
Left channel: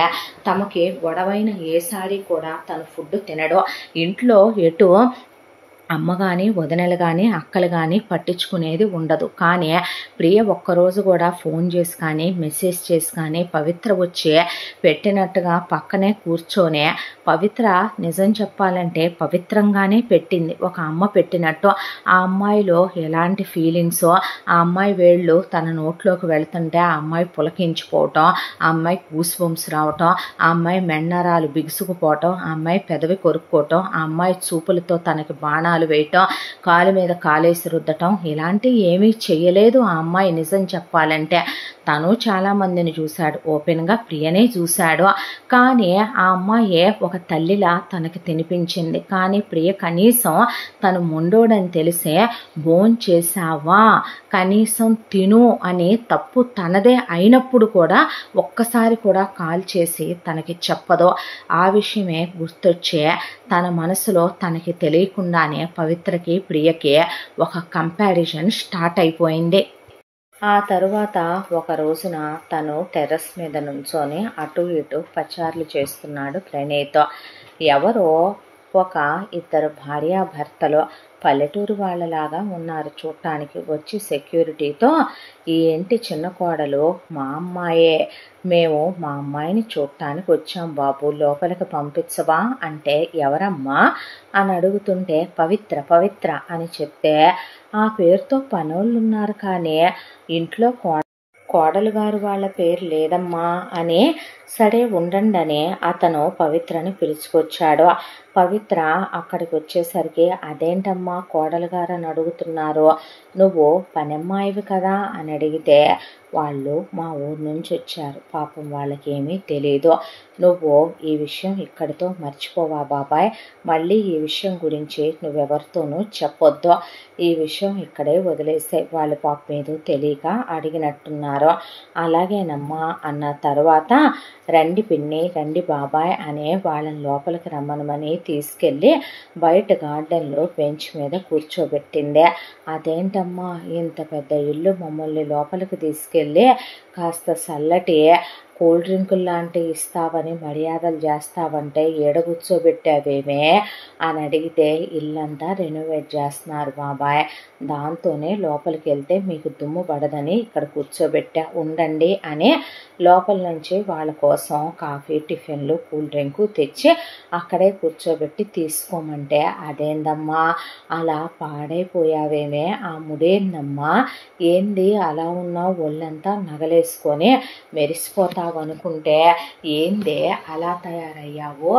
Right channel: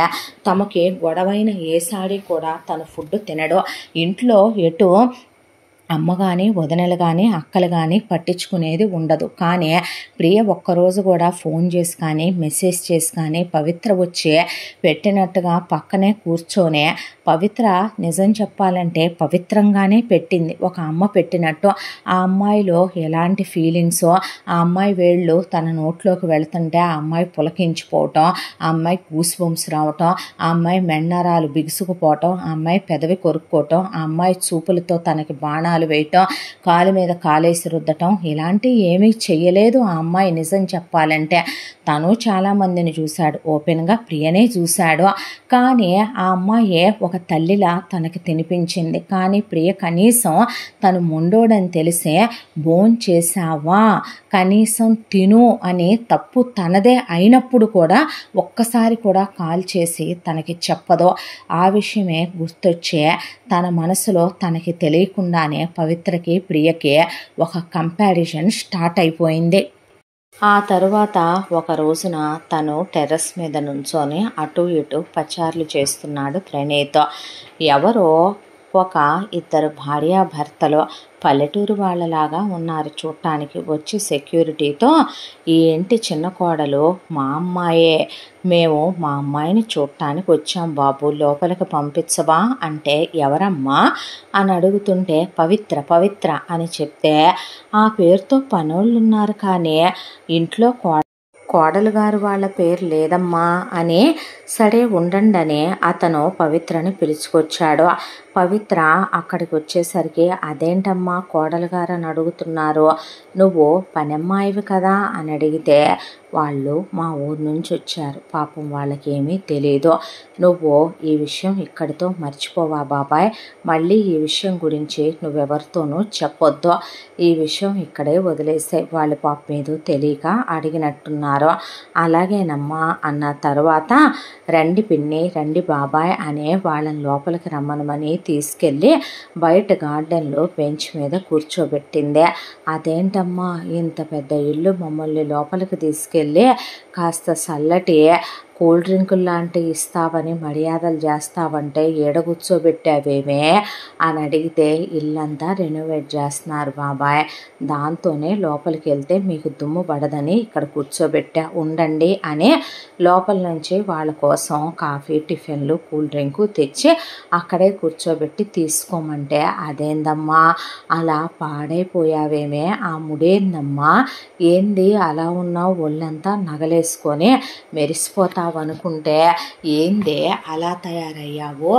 తమకి గొడవైన ఏసారి కూడా తను ఫుడ్ తినడు. ఇంట్లో ఎటు అమ్మ కానీ వదినలు కానీ అక్కలు కానీ పట్టించుకునేది ఉండదు. కానీ ప్రియ ఒక్కరోజు కూడా ఫోన్ చేసి కానీ మెసేజ్ చేసి కానీ పవిత్ర వచ్చి పెట్టినట్టుగా పక్కనే కూర్చొని పవిత్ర నిజం చెప్పాలంటే పవిత్రంగానే పెట్టింది, ఒక అమ్మ పెట్టినట్టు. ఆ అమ్మాయిలో ఎలాంటి ఫీలింగ్సో, ఆ అమ్మాయి వేళ్ళు తన నోట్లోకి వెళుతుంటే ఆ అమ్మాయి పులకించిపోవటం, ఆ అమ్మాయి గూస్ బంప్స్ రావటం, ఆ అమ్మాయి మెన్నరాలు బిగుసుకుపోవటం, ఆ అమ్మాయి పెదవి కొరుక్కోవటం, ఆ అమ్మాయి చూపులతో తనకి బాణాలు వేయటం, కాలు మీద కాలేసి రుద్దటం, ఇలాంటివి ఏమీ చెయ్యలేదు ఆ అమ్మాయి. నిజం చెప్పాలంటే తను చాలామందిని చూశాడు, ఓపెన్గా ప్రియనే చూశాడు. కానీ ఆ అమ్మాయే ఒక తల్లిలా తనకి తినిపించింది. కానీ ప్రియ కనీసం తను మొండోడని తెలిసే భోంచేసావా, కనీసం తిను అని తప్పు తనదే అయినప్పుడు కూడా ఒక్కసారి కూడా కాల్ చేసి తనకి చెప్పదో. ఆ విషయమే గుర్తొచ్చే తన మనసులో తనకి తెలియకుండానే పవిత్రకి ప్రియకి ఒక కంపారిజన్ స్టార్ట్ అయిపోయింది. ఆ తరువాత ఒక రోజున తను టెర్రస్ మీద నుంచొని అటు ఇటు పచార్లు చేస్తున్నాడు ప్రణీత్. ఎవరో ఒక ఇద్దరు భార్యాభర్తలు పల్లెటూరు వాళ్ళలాగా ఉన్నారు చూడటానికి. వచ్చి సెక్యూరిటీతో, ఈ ఇంటి చిన్న కోడలు మా అమ్మాయే, మేము మా అమ్మాయిని చూడటానికి వచ్చాం బాబు, లోపలికి పంపించవా అంటే ఎవరమ్మా అని అడుగుతుంటే పవిత్ర పవిత్ర అని చెప్తే, ఆ పేరుతో పనోళ్ళు ఉన్నారు కానీ ఇంట్లో కోడలు గారు వాళ్ళ పేరు లేదమ్మా అని, సరే ఉండండి అని అతను పవిత్రని పిలుచుకొచ్చాడు. పవిత్ర అక్కడికి వచ్చేసరికి అదేంటమ్మా కోడలు గారు అని అడుగుతున్నారు, నువ్వు పనమ్మాయివి కదా అని అడిగితే, వాళ్ళు మా ఊరు నుంచి వచ్చారు, పాపం వాళ్ళకి ఏమీ తెలియదు, నువ్వు ఈ విషయం ఇక్కడితో మర్చిపోవా బాబాయ్, మళ్ళీ ఈ విషయం గురించి నువ్వెవరితోనూ చెప్పొద్దు, ఈ విషయం ఇక్కడే వదిలేసే, వాళ్ళు పాపం ఏదో తెలియక అడిగినట్టున్నారు. అలాగేనమ్మా అన్న తర్వాత రండి పిన్ని రండి బాబాయ్ అనే వాళ్ళని లోపలికి రమ్మనమని తీసుకెళ్ళి బయట గార్డెన్లో బెంచ్ మీద కూర్చోబెట్టిందే. అదేంటమ్మా ఇంత పెద్ద ఇల్లు మమ్మల్ని లోపలికి తీసుకెళ్ళి కాస్త చల్లటి కూల్ డ్రింకులు లాంటివి ఇస్తావని మర్యాదలు చేస్తావంటే ఏడ కూర్చోబెట్టావేమే అని అడిగితే, ఇల్లంతా రెనోవేట్ చేస్తున్నారు బాబాయ్, దాంతోనే లోపలికి వెళ్తే మీకు దుమ్ము పడదని ఇక్కడ కూర్చోబెట్టా, ఉండండి అని లోపల నుంచి వాళ్ళ కోసం కాఫీ టిఫిన్లు కూల్ డ్రింకు తెచ్చి అక్కడే కూర్చోబెట్టి తీసుకోమంటే, అదేందమ్మా అలా పాడైపోయావేమే, ఆ ముడేందమ్మా, ఏంది అలా ఉన్నావు, ఒళ్ళంతా నగలేసుకొని మెరిసిపోతావు అనుకుంటే ఏందే అలా తయారయ్యావు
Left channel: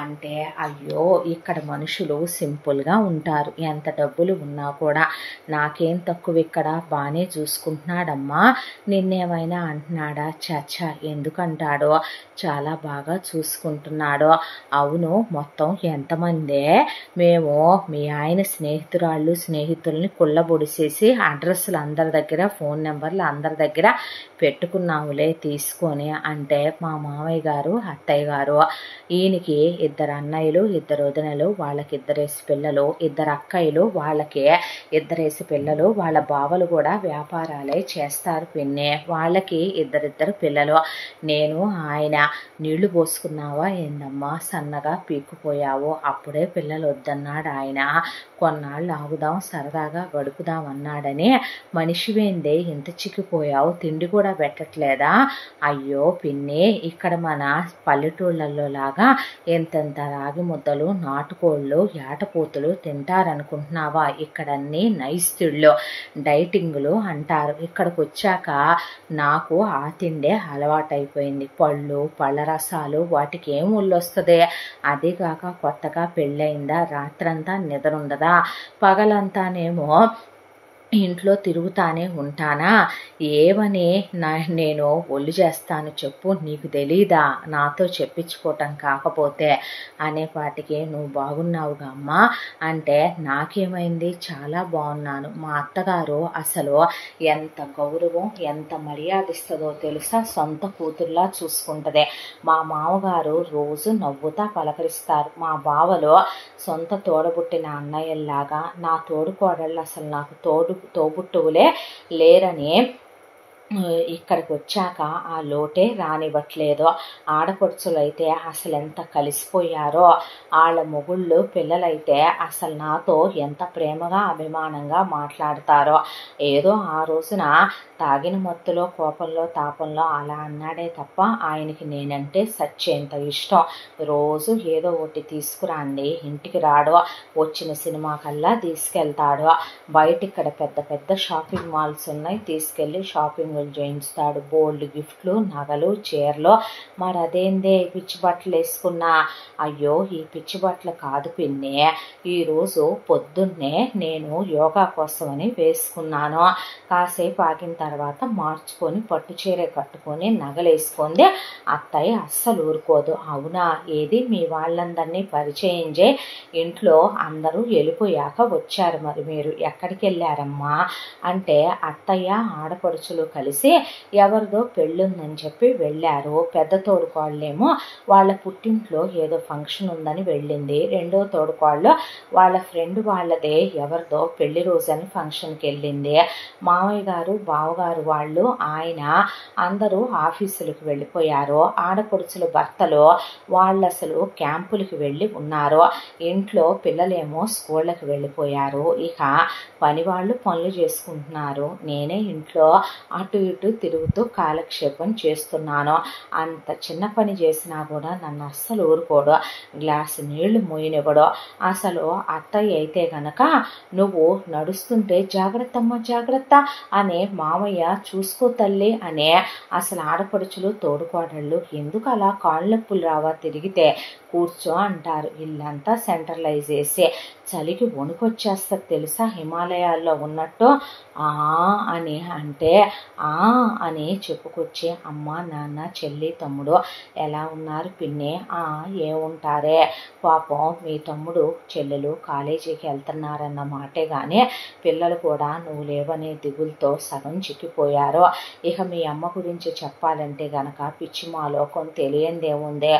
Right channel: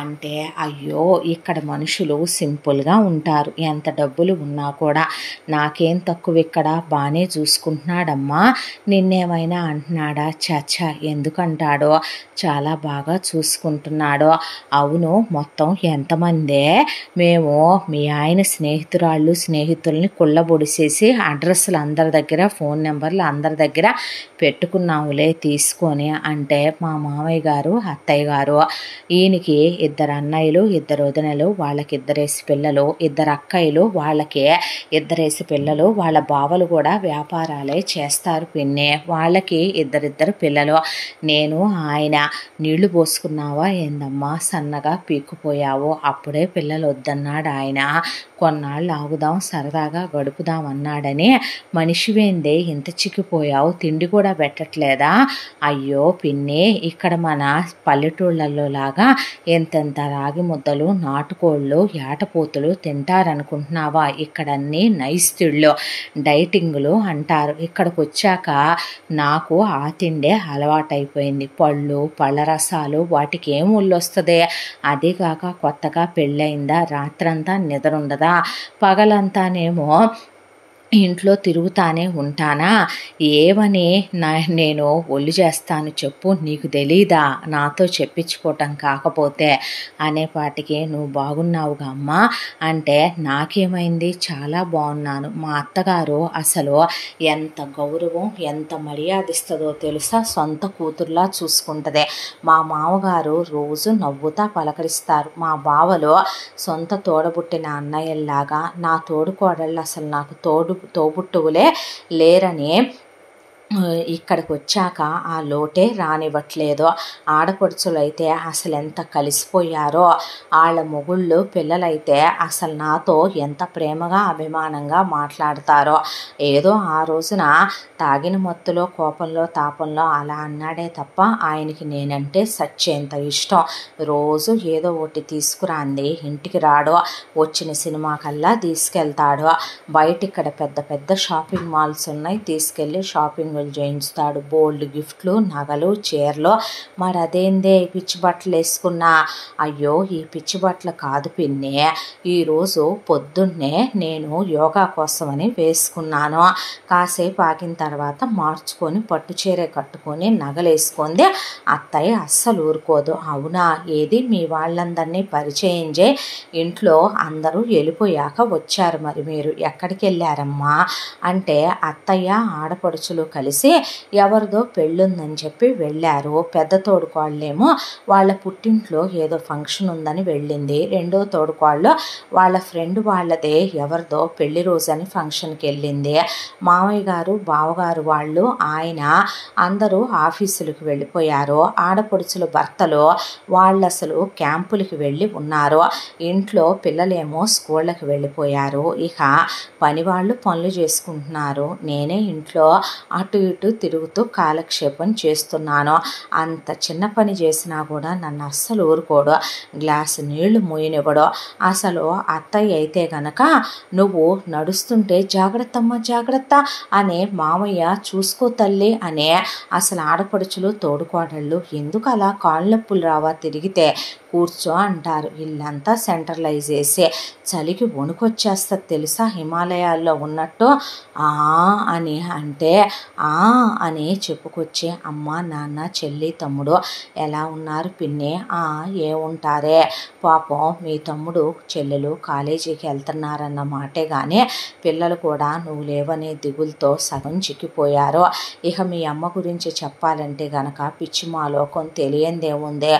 అంటే, అయ్యో ఇక్కడ మనుషులు సింపుల్గా ఉంటారు, ఎంత డబ్బులు ఉన్నా కూడా, నాకేం తక్కువ ఇక్కడ, బాగానే చూసుకుంటున్నాడమ్మా, నిన్నేమైనా అంటున్నాడా, చాచా ఎందుకంటాడో, చాలా బాగా చూసుకుంటున్నాడు. అవును మొత్తం ఎంతమందే, మేము మీ ఆయన స్నేహితుల్ని కుళ్ళబొడిసేసి అడ్రస్లు అందరి దగ్గర ఫోన్ నెంబర్లు అందరి దగ్గర పెట్టుకున్నాములే తీసుకొని అంటే, మా మామయ్య గారు అత్తయ్య గారు, ఈయనకి 2 అన్నయ్యలు 2 వదినలు, వాళ్ళకి 2 పిల్లలు, 2 అక్కయ్యలు వాళ్ళకి 2 పిల్లలు, వాళ్ళ బావలు కూడా వ్యాపారాలే చేస్తారు పిన్ని, వాళ్ళకి 2 పిల్లలు, నేను ఆయన, నీళ్లు పోసుకున్నావా ఏందమ్మా సన్నగా పీక్కుపోయావు, అప్పుడే పిల్లలు వద్దన్నాడు ఆయన, కొన్నాళ్ళు ఆగుదాం సరదాగా గడుపుదాం అన్నాడని, మనిషివేందే ఇంత చిక్కిపోయావు, తిండి కూడా పెట్టట్లేదా, అయ్యో పిన్ని ఇక్కడ మన పల్లెటూళ్ళల్లో లాగా ఎంతెంత రాగి ముద్దలు, నాటుకోళ్ళు, ఏటపోతులు తింటారనుకుంటున్నావా? ఇక్కడన్నీ నైస్తిళ్ళు, డైటింగులు అంటారు. ఇక్కడికి వచ్చాక నాకు ఆ తిండే అలవాటైపోయింది. పళ్ళు, పళ్ళ రసాలు వాటికి ఏం ఒళ్ళొస్తుంది? అదీగాక కొత్తగా పెళ్ళయిందా, రాత్రంతా నిద్ర ఉండదా, పగలంతానేమో ఇంట్లో తిరుగుతానే ఉంటానా? ఏమని నేను ఒళ్ళు చేస్తాను చెప్పు, నీకు తెలీదా? నాతో చెప్పించుకోవటం కాకపోతే అనేపాటికి నువ్వు బాగున్నావుగా అమ్మా అంటే, నాకేమైంది, చాలా బాగున్నాను. మా అత్తగారు అసలు ఎంత గౌరవం, ఎంత మర్యాద ఇస్తుందో తెలుసా? సొంత కూతుర్లా చూసుకుంటుంది. మా మామగారు రోజు నవ్వుతా పలకరిస్తారు. మా బావలో సొంత తోడబుట్టిన అన్నయ్యల్లాగా నా తోడుకోడళ్ళు అసలు నాకు తోబుట్టువులే లేరని ఇక్కడికి వచ్చాక ఆ లోటే రానివ్వట్లేదు. ఆడపడుచులు అయితే అసలు ఎంత కలిసిపోయారో, వాళ్ళ మొగుళ్ళు పిల్లలైతే అసలు నాతో ఎంత ప్రేమగా అభిమానంగా మాట్లాడతారో. ఏదో ఆ రోజున తాగిన మత్తులో, కోపంలో, తాపంలో అలా అన్నాడే తప్ప ఆయనకి నేనంటే సచ్చేంత ఇష్టం. రోజు ఏదో ఒకటి తీసుకురాంది ఇంటికి రాడో, వచ్చిన సినిమా కల్లా తీసుకెళ్తాడో. బయట ఇక్కడ పెద్ద పెద్ద షాపింగ్ మాల్స్ ఉన్నాయి, తీసుకెళ్ళి షాపింగ్ చేయించుతాడు. బోల్డ్ గిఫ్ట్లు, నగలు, చీరలు. మరి అదేందే పిచ్చి బట్టలు వేసుకున్నా? అయ్యో ఈ పిచ్చి బట్టలు కాదు పిన్ని, ఈరోజు పొద్దున్నే నేను యోగా కోసమని వేసుకున్నాను. కాసేపు ఆగిన తర్వాత మార్చుకొని పట్టు చీర కట్టుకొని నగలేసుకుంది. అత్తయ్య అస్సలు ఊరుకోదు. అవునా, ఏది మీ వాళ్ళందరినీ పరిచయం చేయి, ఇంట్లో అందరూ వెళ్ళిపోయాక వచ్చారు, మరి మీరు ఎక్కడికి వెళ్ళారమ్మా అంటే, అత్తయ్య ఆడపడుచులు కలిసి ఎవరిదో పెళ్ళుందని చెప్పి వెళ్ళారు. పెద్ద తోడుకోళ్ళేమో వాళ్ళ పుట్టింట్లో ఏదో ఫంక్షన్ ఉందని వెళ్ళింది. రెండో తోడుకోళ్ళు వాళ్ళ ఫ్రెండ్ వాళ్ళదే ఎవరిదో పెళ్లి రోజని ఫంక్షన్కి వెళ్ళింది. మామయ్య గారు, బావగారు వాళ్ళు, ఆయన అందరూ ఆఫీసులకు వెళ్ళిపోయారు. ఆడపడుచుల భర్తలు వాళ్ళు అసలు క్యాంపులకి వెళ్ళి ఉన్నారు. ఇంట్లో పిల్లలేమో స్కూళ్ళకి వెళ్ళిపోయారు. ఇక పని వాళ్ళు పనులు చేసుకుంటున్నారు. నేనే ఇంట్లో అటు ఇటు తిరుగుతూ కాలక్షేపం చేస్తున్నాను. అంత చిన్న పని చేసినా కూడా నన్ను అస్సలు ఊరుకోడు. గ్లాసు నీళ్లు మోయనివ్వడు. అసలు అత్తయ్య అయితే గనక నువ్వు నడుస్తుంటే జాగ్రత్తమ్మ జాగ్రత్త అనే, మామయ్య చూసుకో తల్లి అనే. అసలు ఆడపడుచులు తోడుకోడళ్ళు ఎందుకు అలా కాళ్ళ నొప్పులు రావా తిరిగితే, కూర్చో అంటారు. ఇల్లంతా సెంట్రలైజ్ చేసి చలికి వణుకొచ్చేస్తుంది తెలుసా, హిమాలయాల్లో ఉన్నట్టు. అని అంటే అని చెప్పుకొచ్చి, అమ్మ, నాన్న, చెల్లి, తమ్ముడు ఎలా ఉన్నారు పిన్ని? ఏముంటారే పాపం, మీ తమ్ముడు చెల్లెలు కాలేజీకి వెళ్తున్నారన్న మాటే కానీ పిల్లలు కూడా నువ్వు లేవనే దిగులతో సగం చిక్కిపోయారు. ఇక మీ అమ్మ గురించి చెప్పాలంటే గనక పిచ్చి మాలోకం తెలియందేముందే,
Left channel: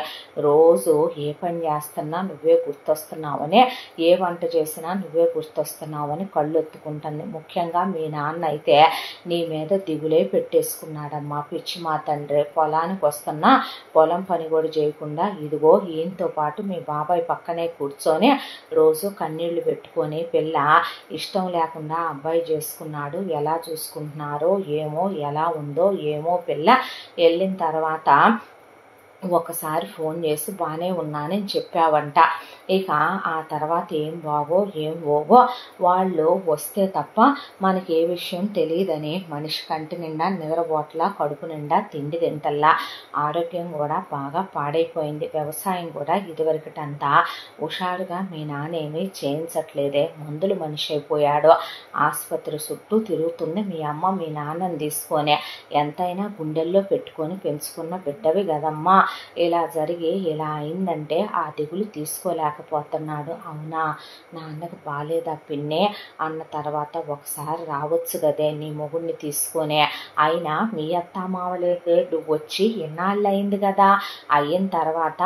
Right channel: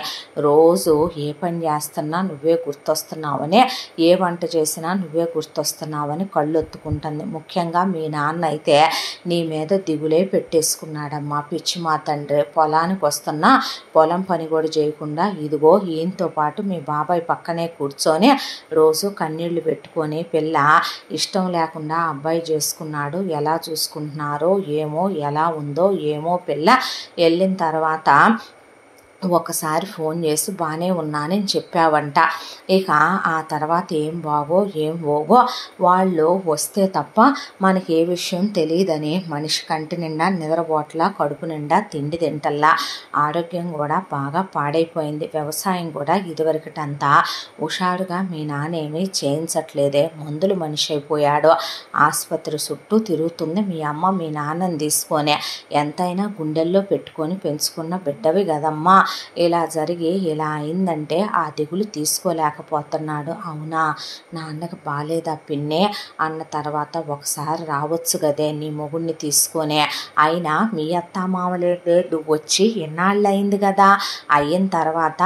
రోజు ఏ పని చేస్తున్నా నువ్వే గుర్తొస్తున్నావని, ఏ వంట చేసినా నువ్వే గుర్తొస్తున్నావని కళ్ళు ఒత్తుకుంటుంది. ముఖ్యంగా మీ నాన్న అయితే నీ మీద దిగులే పెట్టేసుకున్నాడమ్మా. పిచ్చి మా తండ్రి పొలానికి వస్తున్నా పొలం పని కూడా చేయకుండా ఇదిగో ఈయనతో పాటు మీ బాబాయ్ పక్కనే కూర్చొని రోజు కన్నీళ్లు పెట్టుకొని, పిల్ల ఇష్టం లేకుండా అబ్బాయి చేసుకున్నాడు, ఎలా చూసుకుంటున్నారో ఏమో, ఎలా ఉందో ఏమో పిల్ల, వెళ్ళిన తర్వాత ఒకసారి ఫోన్ చేసి బాగానే ఉన్నానని చెప్పావంట. ఇక ఆ తర్వాత ఏం బాగో ఏం పోగో, వాళ్ళు వస్తే తప్ప మనకి ఏ విషయం తెలియదని మనిషి కంటి నిండా నిద్రపోట్లా, కడుపు నిండా తిండి తింటల్లా. ఆరోగ్యం కూడా బాగా పాడైపోయింది. వ్యవసాయం కూడా ఇదివరకటంతా హుషారుగా మీ నాన్నేమీ చేయించట్లేదే, మందులు మనిషి అయిపోయాడు. ఆసుపత్రి చుట్టూ తిరుగుతుంది మీ అమ్మ మీ నాన్నని తీసుకొని. ఎంతైనా గుండెల్లో పెట్టుకొని పెంచుకున్న బిడ్డవి కదమ్మా, ఇలా జరిగి ఇలా అయిందంటే ఆ దిగులు తీసుకోలేకపోతున్నాడు. అవునా, నాన్నకు బాగాలేదా పిన్నే అన్న తర్వాత ఒకసారి రావచ్చు కదే నీ మొగుడిని తీసుకొని. అయినా మీ అత్తామామలేదే, నువ్వు వచ్చి ఎన్నాళ్ళు అయింది కదా, అయిన తర్వాత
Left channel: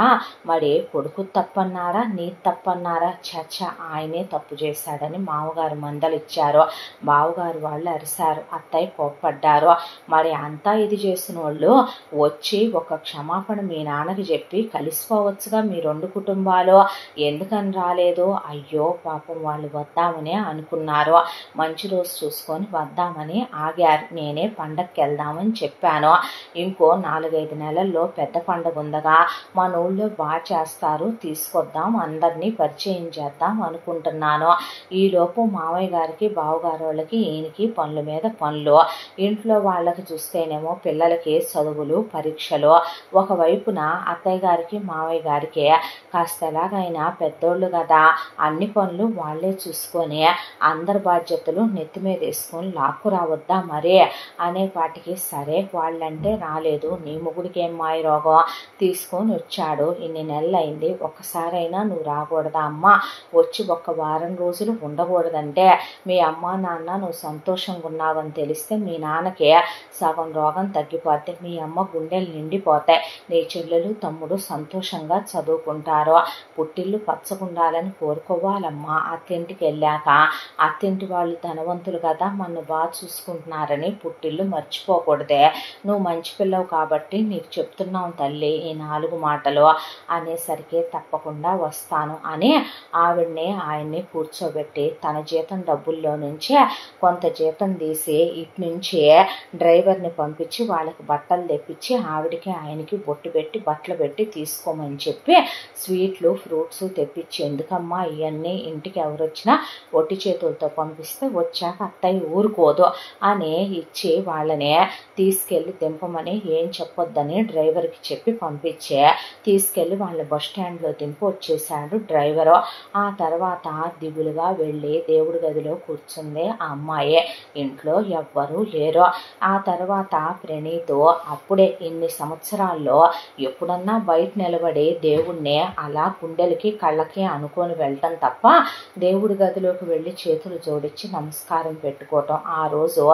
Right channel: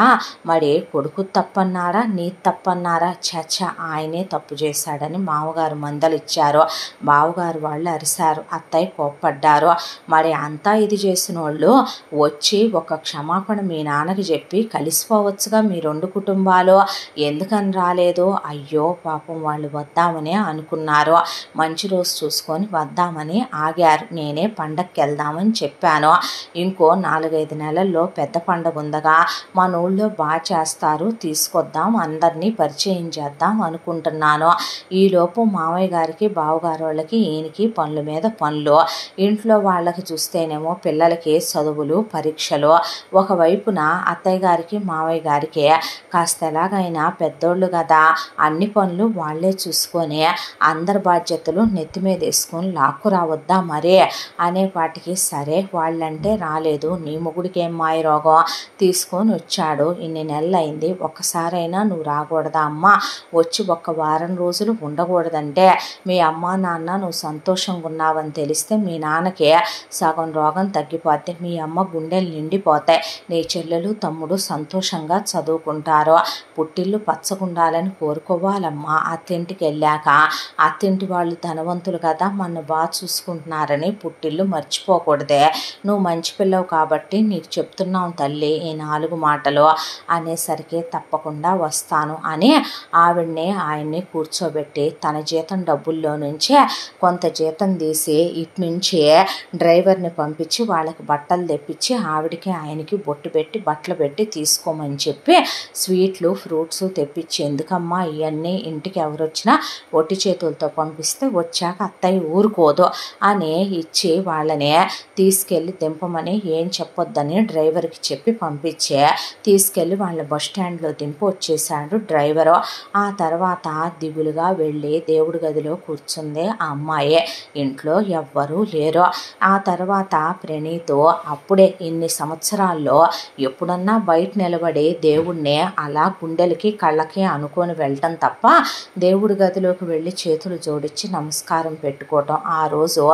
మరి కొడుకు తప్పన్నారా నీ తప్పన్నారా? చచ్చ, ఆయనే తప్పు చేశాడని మామగారు మందలిచ్చారు. బావగారు వాళ్ళు అరిశారు, అత్తయ్య కోప్పడ్డారు. మరి అంతా ఇది చేసిన వాళ్ళు వచ్చి ఒక క్షమాపణ మీ నాన్నకి చెప్పి కలిసిపోవచ్చుగా మీ 2 కుటుంబాలు, ఎందుకని రాలేదు? అయ్యో పాపం వాళ్ళు వద్దామని అనుకున్నారు, మంచి రోజు చూసుకొని వద్దామని ఆగారు, నేనే పండగకి వెళ్దామని చెప్పాను. ఇంకో 4-5 నెలల్లో పెద్ద పండగ ఉందగా, మన ఊళ్ళో బాగా చేస్తారు, తీసుకొద్దాం, అందరినీ పరిచయం చేద్దాం అనుకుంటున్నాను. ఈలోపు మామయ్య గారికి బావగారు వాళ్ళకి ఈయనకి పనుల మీద పనులు, ఇంట్లో వాళ్ళకి చూస్తేనేమో పిల్లలకి చదువులు పరీక్షలు, ఒకవైపున అత్తయ్య గారికి మామయ్య గారికి కాస్త ఎలాగైనా పెద్దోళ్ళు కదా, అన్ని పనులు వాళ్ళే చూసుకొని అందరి బాధ్యతలు నెత్తి మీద వేసుకొని లాక్కు రావద్దా మరే అనే వాటికి, సరే వాళ్ళంటే రాలేదు, నీ మొగుడికి ఏం మాయ రోగం, తీసుకొని వచ్చాడు, ఇన్ని నెలలైంది, ఒక్కసారైనా నువ్వు రాకూడదా అమ్మా, వచ్చి 1 వారం రోజులు ఉండకూడదంటే మీ అమ్మ నాన్న నువ్వు సంతోషంగా ఉన్నావని తెలిస్తే మీ నాన్నకి సగం రోగం తగ్గిపోతే, మీ అమ్మ గుండెలు నిండిపోతాయి, నీ చెల్లెలు తమ్ముడు సంతోషంగా చదువుకుంటారు, పుట్టిల్లు పచ్చగుండాలని కోరుకోవాలమ్మా, అత్తింటికి వెళ్ళాక అత్తింటి వాళ్ళు ధనవంతులు కదా, మన బాగా చూసుకుంటున్నారని పుట్టిల్లు మర్చిపోకూడదే, నువ్వు మంచి పిల్లవు కాబట్టి నీకు చెప్తున్నావు తల్లి ఈ 4 మాటలు అనేసరికి తప్పకుండా వస్తాను అని ఆవిడ్ని ఆయన్ని కూర్చోబెట్టి తన జీతం డబ్బుల్లో నుంచే కొంత జీతం తీసి ఇటు నుంచి డ్రైవర్ని పంపించి వాళ్ళకి బట్టలు తెప్పించి ఆవిడకి ఆయనకి బొట్టు పెట్టి బట్టలు పెట్టి తీసుకోమని చెప్పి స్వీట్లు ఫ్రూట్స్ తెప్పించి, ఎందుకమ్మా ఇవన్నీ, ఇంటికి ఎవరు వచ్చినా ఒట్టి చేతులతో పంపిస్తే వచ్చాక అత్తయ్య ఊరుకోదు అని ఇచ్చి వాళ్ళని తీసుకెళ్ళి దింపమని ఏం చెప్పొద్దని డ్రైవర్కి చెప్పి పంపించే తీసుకెళ్ళి వాళ్ళ బస్ స్టాండ్లో దింపి వచ్చేసాడు డ్రైవరు. ఆ తర్వాత దిగులుగా వెళ్ళి దేవుడి గదిలో కూర్చుంది ఆ అమ్మాయే, ఇంట్లో ఎవ్వరూ లేరు. ఆ తర్వాత ప్రణీతు అప్పుడే ఇన్ని సంవత్సరాల్లో ఎప్పుడన్నా బయట నిలబడి దేవుణ్ణి అలా గుండెలకి కళ్ళకి అనుకొని వెళ్ళటం తప్ప దేవుడి గదిలోకి వెళ్ళి చేతులు జోడించి నమస్కారం పెట్టుకోవటం, ఆ రోజు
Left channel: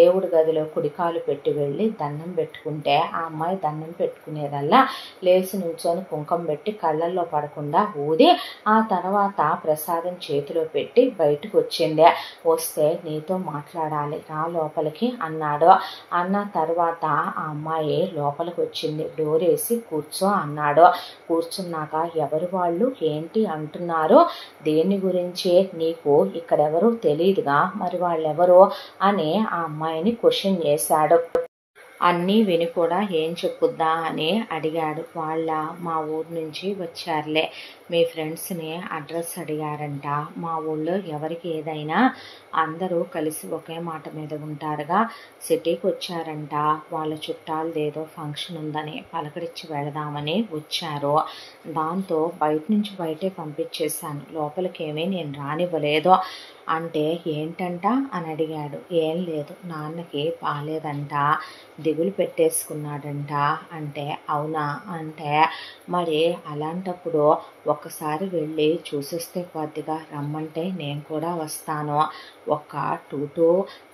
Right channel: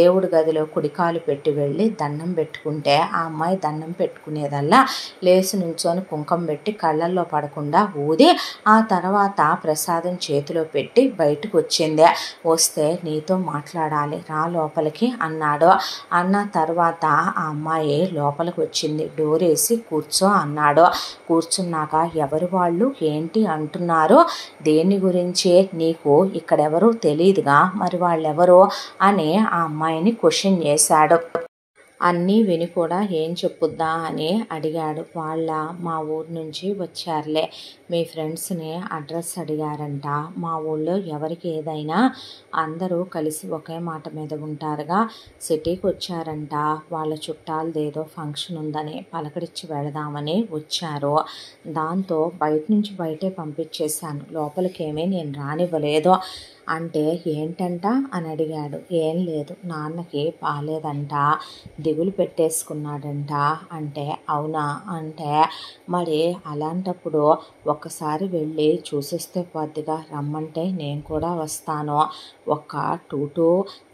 దేవుడి గదిలో కుడికాలు పెట్టి వెళ్ళి దండం పెట్టుకుంటే ఆ అమ్మాయి దండం పెట్టుకునేదల్లా లేచి నుంచొని కుంకం పెట్టి కళ్ళల్లో పడకుండా ఊది ఆ తర్వాత ప్రసాదం చేతిలో పెట్టి బయటకు వచ్చింది. వస్తే నీతో మాట్లాడాలి రా లోపలికి అన్నాడు. అన్న తర్వాత ఆ అమ్మాయి లోపలికి వచ్చింది, డోర్ వేసి కూర్చో అన్నాడు. కూర్చున్నాక ఎవరు వాళ్ళు ఏంటి అంటున్నారు, దేని గురించి నీకు ఇక్కడెవరూ తెలియదుగా, మరి వాళ్ళెవరు అని ఆ అమ్మాయిని క్వశ్చన్ చేశాడు. అన్నీ విని కూడా ఏం చెప్పుద్దా అని అడిగాడు. మా ఊరు నుంచి వచ్చారులే, మీ ఫ్రెండ్స్ని అడ్రస్ అడిగారంట, మా ఊళ్ళో ఎవరికి ఏదైనా అందరూ కలిసి ఒకే మాట మీద ఉంటారుగా, సిటీకి వచ్చారంట, వాళ్ళ చుట్టాలదేదో ఫంక్షన్ ఉందని పలకరించి వెళదామని వచ్చారు, దాంతో బయట నుంచి బయటే పంపించేశాను, లోపలికేమీ నేను రానివ్వలేదు అంటే ఏంటంట అని అడిగాడు. ఏం లేదు, నాన్నకి బాలేదంట, దిగులు పెట్టేసుకున్నాడంట అంటే, అవునా అంటే, మరి అలాంటప్పుడు ఒక్కసారి వెళ్ళి చూసిస్తే కొద్దిగా రమ్మంటే నేను కూడా వస్తాను, ఒక 2 to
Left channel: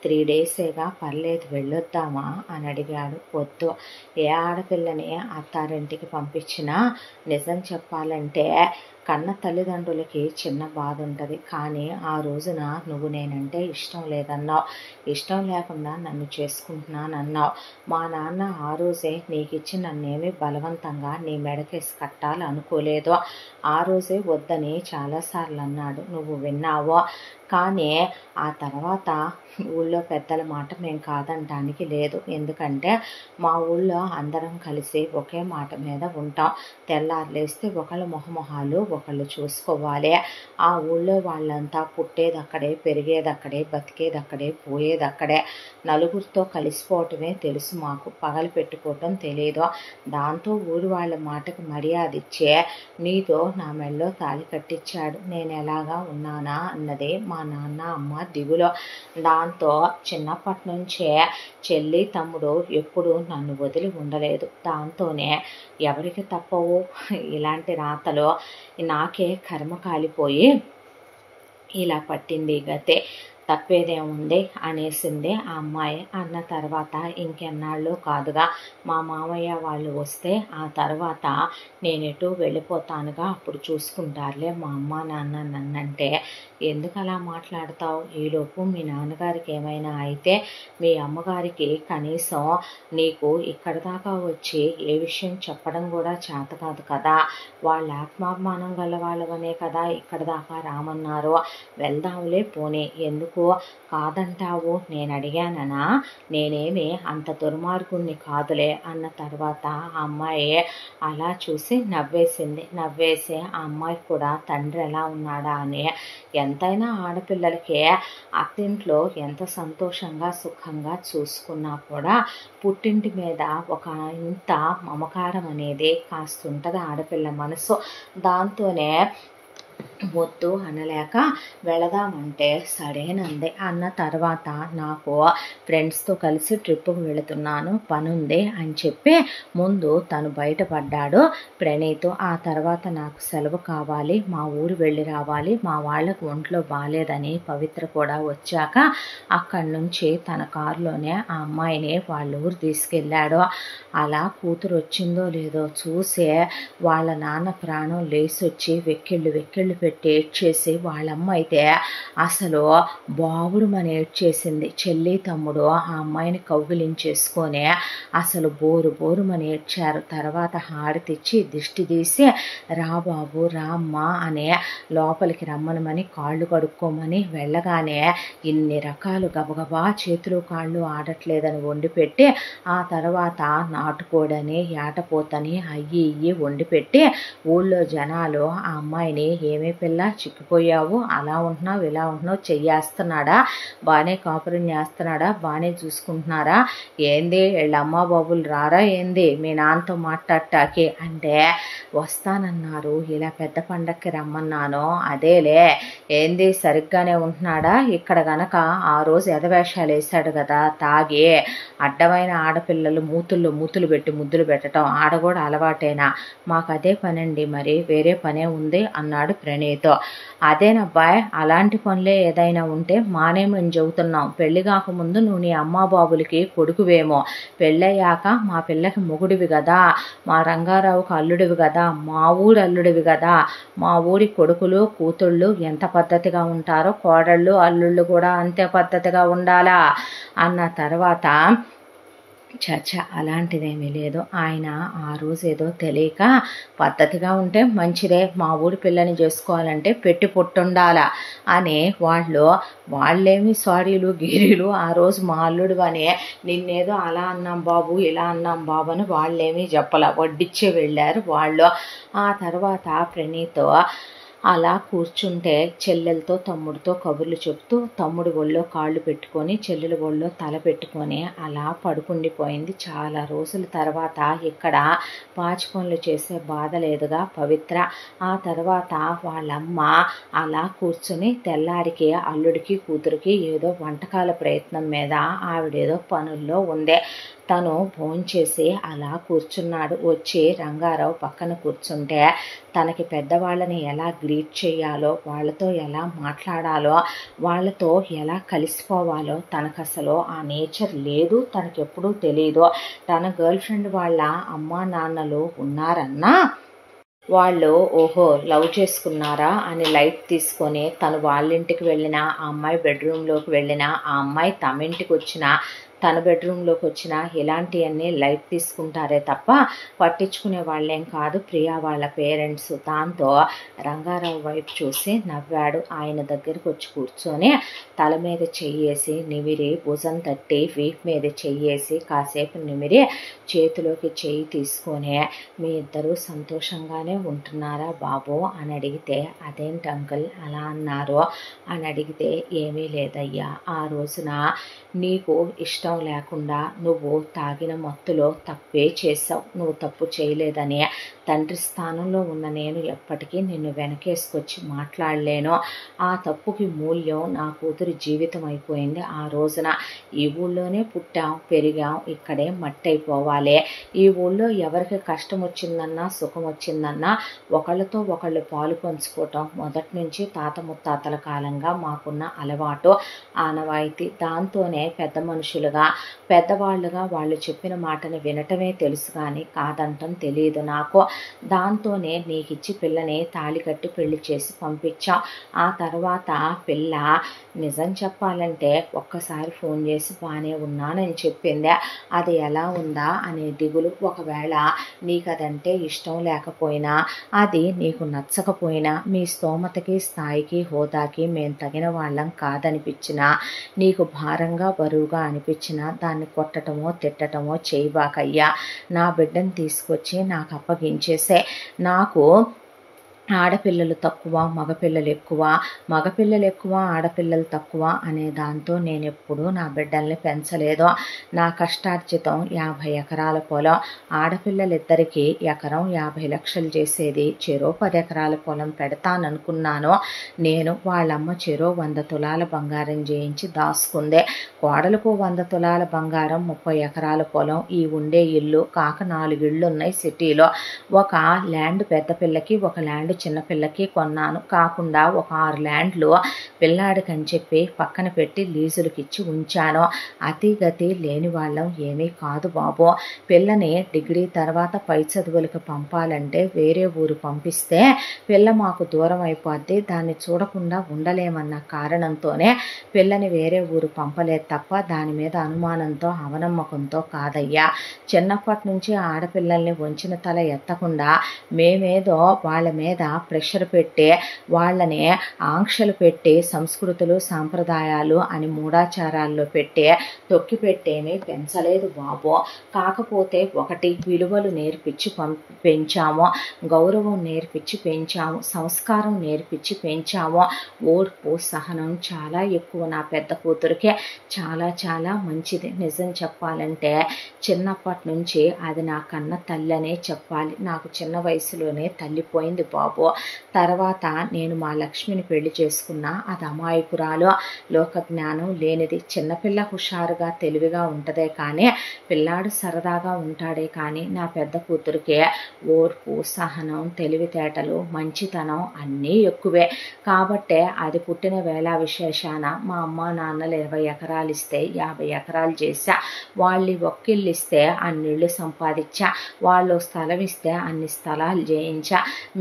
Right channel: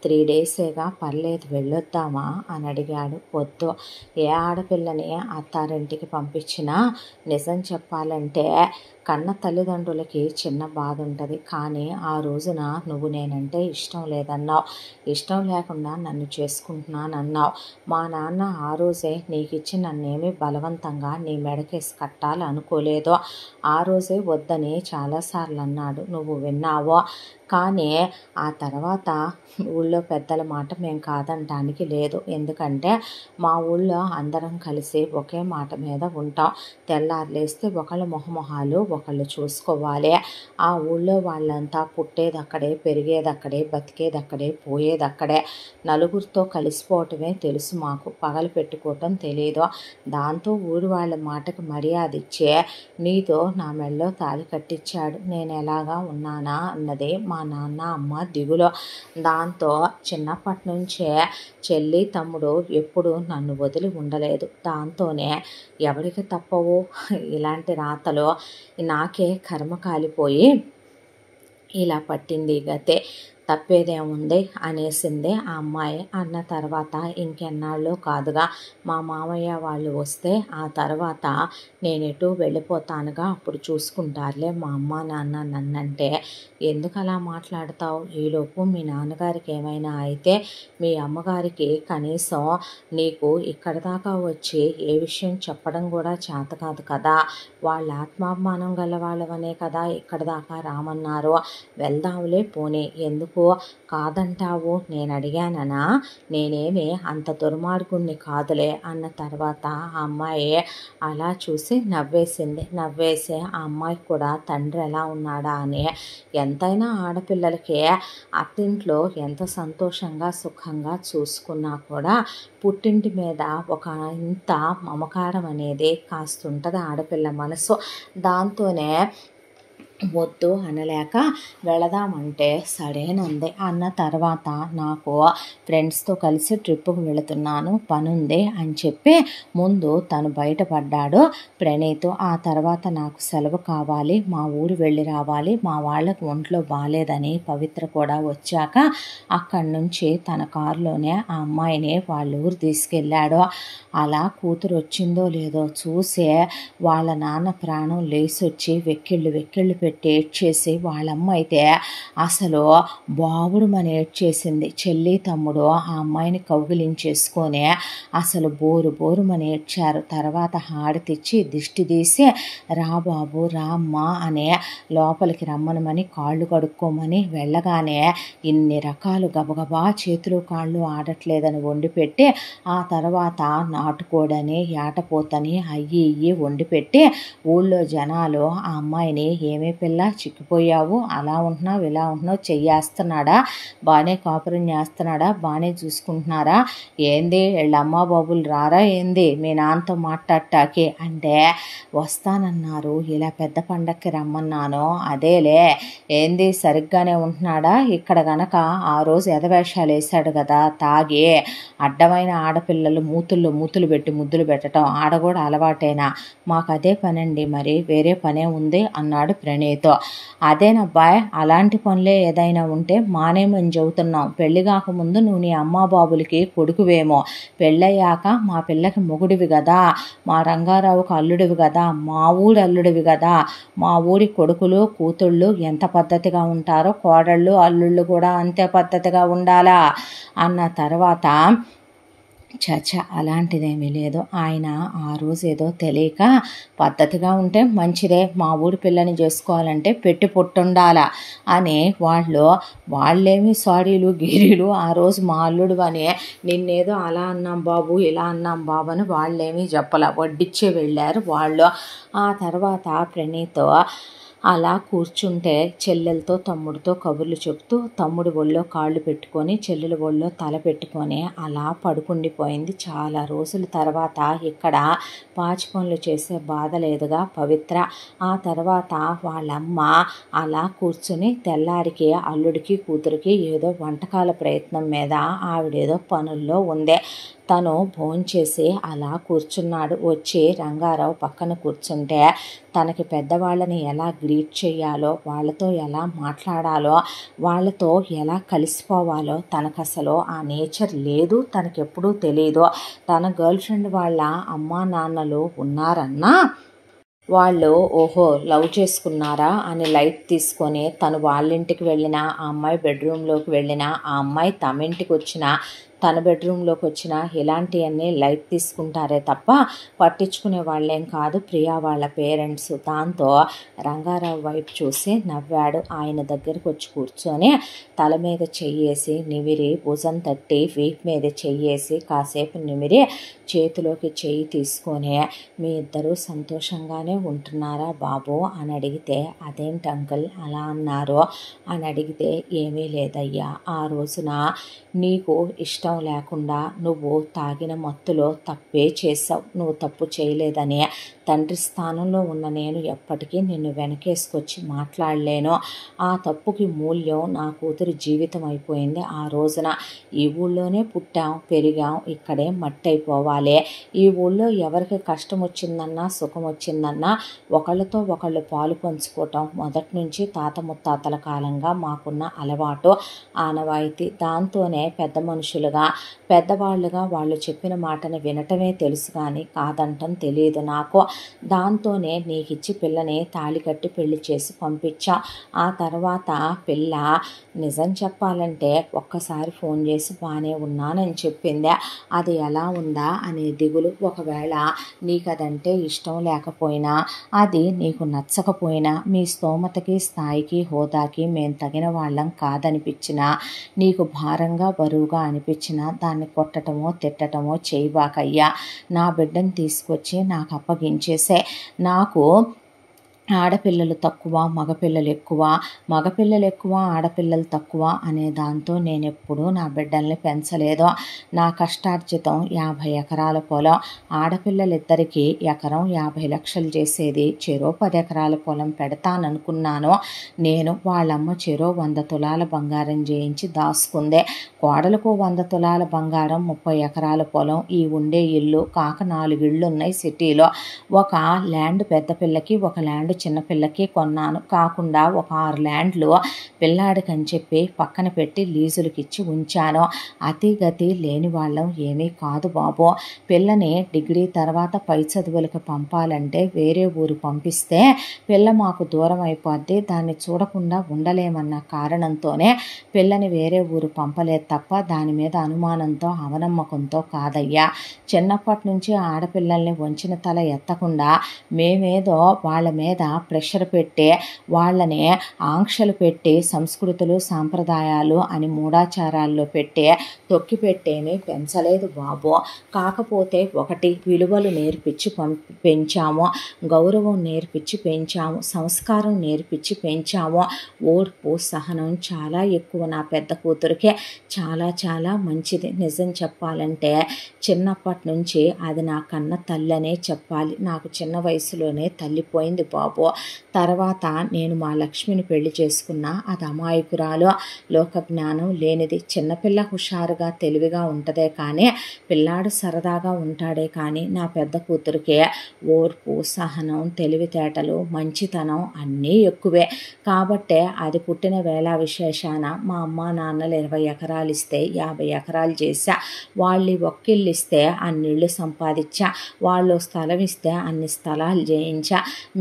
3 డేసేగా, పర్లేదు వెళ్ళొద్దామా అని అడిగాడు. వద్దు, ఏ ఆడపిల్లని అత్తారింటికి పంపించినా నిజం చెప్పాలంటే కన్న తల్లిదండ్రులకి చిన్న బాధ ఉంటుంది, కానీ ఆ రోజున నువ్వు నేనంటే ఇష్టం లేదన్నావు, ఇష్టం లేకుండా నన్ను చేసుకుంటున్నానన్నావు, మా నాన్న ఆ రోజే నీకు ఇచ్చి నన్నేమీ బలవంతంగా నీ మెడకేసి కట్టాలి అనుకోలేదు, ఆ రోజే వద్దని చాలాసార్లు అన్నాడు, నువ్వు విన్నావో, కానీ ఆ తర్వాత ఊళ్ళో పెద్దల మాట మేము కాదనటానికి లేదు, ఎందుకంటే మా ఊళ్ళో అందరం కలిసి ఒకే మాట మీద ఉంటాం, తెల్లారులేస్తే ఒకళ్ళ మొహమొహాలు ఒకళ్ళు చూసుకోవాలి, ఆ ఊళ్ళో వాళ్ళంతా పుట్టేది అక్కడే, పెరిగేది అక్కడే, బతికేది అక్కడే, పోయేది అక్కడే, నలుగురితో కలిసిపోవటమే తెలుసు మాకు, పగలు పెట్టుకోవటం తెలియదు, దాంతో ఊరి వాళ్ళ మాటకు మర్యాద ఇచ్చే నీతో నా మెళ్ళో తాళి కట్టించాడు, నేను ఎలాగా ఉన్నానా అన్నదే మా నాన్న అమ్మ దిగులో, దాంతో చిన్నప్పటి నుంచే చెల్లి తమ్ముడు ఎప్పుడు నన్ను వదిలి ఉండలేదు, దాంతోనే ఎవరికి తప్పవు ఇలాంటి రాతలో, నాకే కర్మ కాలిపోయి ఇలా పట్టింది గతే, తప్పేదేముంది అనేసింది ఆ అమ్మాయి. అన్న తర్వాత ఇంకెన్నాళ్ళు కాదుగా మా మామయ్య వాళ్ళు వస్తే ఆ తర్వాత నేనెటు వెళ్ళిపోతానుగా, అప్పుడు చూసుకుంటారులే మా అమ్మ నాన్న నన్నంటే. ఎందుకు అలా మాట్లాడతావు? ఈలోపు మీ నాన్నగారికి ఏమైనా అయితే మీ అమ్మగారికి కనీసం నీకు ఇక్కడ దాకా వచ్చి ఏ విషయం చెప్పడం కూడా చేత కాదు కదా. వాళ్ళ ఆత్మాభిమానం గల వాళ్ళవనే కదా ఇక్కడ దాకా రామన్నారు. వెళ్దాంలే పోనీ, ఎందుకు కాదంటావు? నేను అడిగాననా? నేనేమి అంత దుర్మార్గుణ్ణి కాదులే అన్న తర్వాత ఆ అమ్మాయి అలా చూసి నవ్వేసింది. నవ్వేసి ఆ అమ్మాయికి కూడా తండ్రి ఎలా ఉన్నాడా అని. ఎంతైనా ఆడపిల్లలకి అత్తింట్లో ఎంత సంతోషంగా సుఖంగా చూసుకున్నా కూడా పుట్టింటి మీద ఒక ఇంత మమకారం అనేది కాస్తుంటుంది ఆడపిల్ల మనసు. దాంతోనే వద్దు అనలేక వెళదామంటే సరేనంది. అన్న తర్వాత నాకు ఫ్రెండ్స్తో కలిసి ట్రిప్పుకు వెళుతున్నాను, పనుంది అని చెప్పి ముందు తను బయటపడ్డాడు ప్రణీత్. ఆ తర్వాత నాకు సెలవు కావాలి, మా ఊరు వెళ్ళి రావాలి, మా వాళ్ళకు ఒంట్లో బాగాలేదని పవిత్ర కూడా వచ్చాక అక్కడి నుంచి తన కారులోనే ఆ అమ్మాయిని వాళ్ళ ఊరు తీసుకెళ్ళాడు. అలా కూతురు వచ్చిందో లేదో చూసే వాళ్ళ నాన్న ప్రాణం లేసొచ్చి వెక్కిళ్ళు పెట్టి ఏడ్చేసి, వాళ్ళమ్మ అయితే అసలు బావురుమని ఏడ్చేసింది. చెల్లి తమ్ముడు ఆ అమ్మాయిని కౌగిలించేసుకొని అసలు బోరుమని ఏడ్చారు. తర్వాత హారతిచ్చి దిష్టి తీసి రా బాబు రా అమ్మ అని లోపలికి రమ్మనమని కాళ్ళు కడుక్కోమని వెళ్ళగానే ఇన్ని రకాలు గబగబా చేతులు కాళ్ళు ఆడట్లేదని వండిపెట్టి ఆ తర్వాత నాటుకోడని ఏటపోతని అయ్యి వండిపెట్టి ఊళ్ళో జనాలు ఆ అమ్మాయిని ఏమీ పిల్ల చిక్కిపోయావు, అలా ఉంటున్నావు ఇలా ఉంటున్నావు, చెయ్యేస్తున్నాడా, బాగానే కాపురం చేస్తున్నాడా, బాగానే చూసుకుంటున్నారా, ఏంది వీళ్ళ అమ్మ బాబులు రారా ఏంది మీ నాన్నతో మాట్లాడటానికి అంటే వస్తానన్నారు, ఇలా పెద్ద పండక్కి రమ్మన్నాను, అదేలే ఏంది సరిగ్గానే ఉంటున్నాడా, ఇక్కడ గనక ఆ రోజు ఎదవేషాలు వేశాడు కదా తాగి, అడ్డమైన ఆడపిల్లలు మూతులు పెట్టి ముద్దులు పెట్టడం ఆడ కూడా అలవాటేనా, మాకు అదే పనండి, మరి వేరే పనే ఉంది అన్నాడు ప్రణీత్. అదేనబ్బాయ్, అలాంటి పనులే ఏదైనా ఉంటే మానేమని చెబుతున్నాం. పెళ్లి కాకముందు నువ్వు నీ అమ్మా బాబులకి కొడుకువేమో, పెళ్ళయ్యాక మా పిల్లకి మొగుడివి కదా, మా రంగారావుకు అల్లుడివి కదా, మా ఊరి అల్లుడివి కదా, మా ఊరి కొడుకులు కూతుళ్ళు ఎంత పద్ధతిగా ఉంటారో కోడళ్ళు అల్లుళ్ళు కూడా అంతే పద్ధతిగా ఉండాలా అన్న తర్వాత అలాంటిదేమీ లేదు. ఆయన ఆ రోజు ఏదో తెలియక పద్ధతిగా ఉంటే మంచిదే, మా ఊరి పిల్లని చేసుకోవాలంటే పెట్టి పుట్టుండాలా అని వాళ్ళేమి సారీలు గీరీలు ఆ రోజు మా అల్లుడు అని నిన్నేదో అలా అన్నాం బాబు ఇలా అన్నాం బాబు అని వాళ్ళేమీ చెప్పలా, వడ్డిచ్చే వెళ్ళారు వాళ్ళు. ఆ తర్వాత ప్రణీత్ అలా కూర్చుంటే చెల్లెలతో తమ్ముడితో కబుర్లు చెప్తూ తమ్ముడి ఒళ్ళో కాళ్ళు పెట్టుకొని చెల్లెల ఒళ్ళో తల పెట్టుకొని అలా పడుకుండిపోయింది. చాలా రోజుల తర్వాత ఇక్కడ పాచి పనులు చేసే బాధ లేదుగా పవిత్ర. ఆ తర్వాత వాళ్ళమ్మ అలా కూర్చుని తెల్లారికి అల్లుడికి కూతురికి ఏదో వంటకాల ప్రయత్నం మీద ఆవిడేదో పనుల్లో ఉంది. తను భోంచేసి అలా కూర్చున్నాడు. వచ్చి రంగారావు పక్కన కూర్చుంటే తనకి పెద్దవాళ్ళని ఎలా గ్రీట్ చేయాలో, వాళ్ళతో ఎలా మాట్లాడాలో, వాళ్ళతో ఎలా కలిసిపోవాలో తనకు అసలు ఆ నేచర్ లేదు, తనకెప్పుడూ తెలియదు. తన గర్ల్ ఫ్రెండ్ వాళ్ళ అమ్మా నాన్నలు ఉన్నారన్నా వాళ్ళు ఓహో లవ్ చేసుకున్నారా అని లైట్ తీసుకొని తను వాళ్ళింటికి వెళ్ళిన, ఆ అమ్మాయి బెడ్రూమ్లోకి వెళ్ళిన, ఆ అమ్మాయి తమ ఇంటికి వచ్చిన, తన బెడ్రూమ్లోకి వచ్చిన ఇలాంటివన్నీ లైట్ తీసుకుంటారే తప్ప పట్టించుకునే వాళ్ళేం కాదు ప్రియా వాళ్ళ పేరెంట్స్. దాంతో రంగారావు వైపు చూసి నవ్వాడు. ఆయన దగ్గరికి వచ్చి కూర్చొని తల మీద చెయ్యేసి నిమిరి, భుజం తట్టి వీప్ మీద చెయ్యేసి కాసేపు నిమిరి చేతిలోకి చెయ్యి తీసుకొని మీ ఇద్దరూ సంతోషంగానే ఉంటున్నారా బాబు అని అడిగితే, అదేంటి అంకుల్ అలా అన్నారు అని అడిగితే, ఏమీ లేదయ్యా, ఆ రోజున నీకు ఇష్టం ఇష్టం లేకుండా నువ్వు తాగిన మత్తులో తప్పే చేసావు, నువ్వు తప్పు చేయలేదని తండ్రి స్థానంలో ఉన్న నేను ఎప్పటికీ నిన్ను వెనకేసుకొచ్చి మాట్లాడలేను. ఆ తప్పుకి మూల్యం నా కూతురి జీవితం అయిపోయింది. ఆ రోజున ఈ ఊళ్ళోనే పుట్టాం పెరిగాం, ఇక్కడే మట్టి అయిపోవాలి. ఈ ఊళ్ళో ఎవరికి కష్టం వచ్చిందన్నా సుఖం వచ్చిందన్నా ఒకళ్ళతో ఒకళ్ళు పాలు పంచుకోవటం మొదటి నుంచి తాత ముత్తాతల కాలంగా మాకున్న అలవాటు, ఆనవాయితీ. దాంతోనే పెద్ద మనుషులుగా పెద్దవాళ్ళుగా వాళ్ళు చెప్పిన మాటని వినటమే తెలుసు కానీ కాదంటం తెలియదు నాకు. దాంతోనే నీకిచ్చి పిల్లని తాళి కట్టి పెళ్లి చేసి పంపించాం. ఆ తర్వాత పిల్ల నిజం చెప్పాలంటే ఒక్కసారి ఫోన్ చేసి బాగానే ఉన్నానని చెప్పింది. అది ఎలా ఉందా అనే దిగులు. ఒకవేళ నీకు అదంటే ఇష్టం లేకపోయినా, అది నీకు నచ్చకపోయినా, మీ స్తోమతకి స్థాయికి హోదాకి మేము తగిన వాళ్ళం కాదనిపించినా, నీకు భారంగా బరువుగా అనిపించినా దాన్ని కొట్టటమో తిట్టటమో చేయబాకయ్యా. నా బిడ్డను తీసుకొచ్చి నాకు అప్పగించేసే. నాకు ఆడపిల్లలు తక్కువ మగపిల్లలు ఎక్కువ, మగపిల్లలు ఎక్కువ ఆడపిల్లలు తక్కువ అనే దాంతో నేను ఎప్పుడూ నా బిడ్డల్ని పెంచలేదు. నా కష్టార్జితం 50 ఎకరాల పొలం. ఆడపిల్లలిద్దరికీ ఎకరం 50 లక్షలు చేసేది. చెరో 10 ఎకరాల పొలం పెడతాననుకున్నాను నేను. వాళ్ళమ్మ చెరో 100 తులాల బంగారం చేయించి దాసుకుందే. కోడలకు 100 తులాల బంగారం, 30 ఎకరాల పొలం, ఈ ఉండే ఇల్లు కాక 4 ఇళ్ళు ఉన్నాయి సిటీలో. ఒక ల్యాండ్ పెద్ద పిల్లకి, ఒక ల్యాండ్ చిన్నపిల్లకి కొన్నాను. కాకుండా ఒక 6 ల్యాండ్లు పిల్లాడికని చెప్పి పక్కన పెట్టి లీజులకి ఇచ్చి ఉంచాను. అతిగతి లేని వాళ్ళం ఏమీ కాదు బాబు. పిల్లని డిగ్రీ తర్వాత పై చదువులకు పంపాలంటే వేరే ఊరు పంపిస్తే పిల్ల మాకు దూరం అయిపోద్ది, దాన్ని చూడకుండా ఉండలేమన్న కారణంతోనే పిల్లని వేరే ఊరు పంపలేదు తప్ప దాని మీద అనుమానంతో అవనమ్మకంతో కాదయ్యా. చిన్నప్పటి నుంచి ఆడపిల్లల్ని వంచిన తల ఎత్తకుండా మేమేదో వాళ్ళ మీద ప్రెషర్ పెట్టి వాళ్ళని ఆంక్షలు పెట్టి సంస్కృతులు సాంప్రదాయాలు అని మూఢాచారాల్లో పెట్టి తొక్కి పెట్టేమీ పెంచలేదు బాబు. కాకపోతే ఒకటి విలువలు నేర్పించి పెంచాము, గౌరవం నేర్పించి పెంచాము, సంస్కారం నేర్పించి పెంచాము. ఓర్పు సహనం చాలా ఎక్కువ నా పెద్ద కూతురికే. చాలా చాలా మంచిది. నిజం చెప్పాలంటే చిన్నప్పటి నుంచి అది నా కన్న తల్లనే చెప్పాలి. నాకు చిన్న వయసులోనే తల్లిపోయింది బాబు. తర్వాత నేను మా లక్ష్మిని పెళ్లి చేసుకున్నా. అది అమాయకురాలు, లోక జ్ఞానం లేనిది. చిన్నపిల్ల హుషారుగా తెలివిగా ఉంటదే కానీ పిల్లాడు సరదాగా ఉంటాడే కానీ నా పెద్ద కూతురికే ఓర్పు సహనం తెలివితేటలు మంచితనం అన్నీ ఎక్కువే. కాబట్టే అది పుట్టిన వేళ విశేషాన మా అమ్మ నాన్నలు 20 ఎకరాలు ఇస్తే 50 ఎకరాలు చేశా. వాళ్ళు ఒక్కిళ్ళు ఇస్తే అన్నిళ్ళు సంపాదించా. వాళ్ళు స్థలం ఇస్తే అన్ని స్థలాలు చేయించా.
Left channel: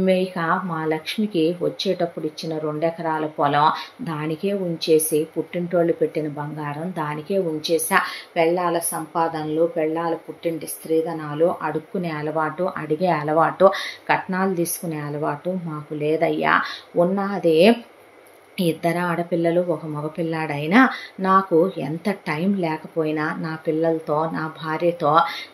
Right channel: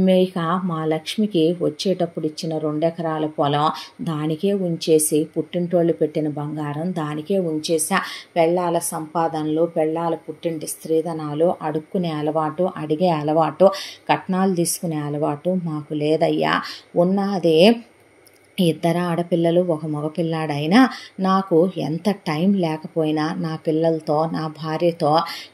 మేక మా లక్ష్మికి వచ్చేటప్పుడు ఇచ్చిన 2 ఎకరాల పొలం దానికే ఉంచేసి, పుట్టింటోళ్ళు పెట్టిన బంగారం దానికే ఉంచేసా. పెళ్ళాల సంపాదనలు, పెళ్ళాల పుట్టింటి స్త్రీధనాలు అడుక్కునే అలవాటు, అడిగే అలవాటు, కట్నాలు తీసుకునే అలవాటు మాకు లేదయ్యా. ఉన్నదే 2 ఆడపిల్లలు, ఒక మగపిల్లాడైనా నాకు ఎంత టైం లేకపోయినా నా పిల్లలతో నా భార్యతో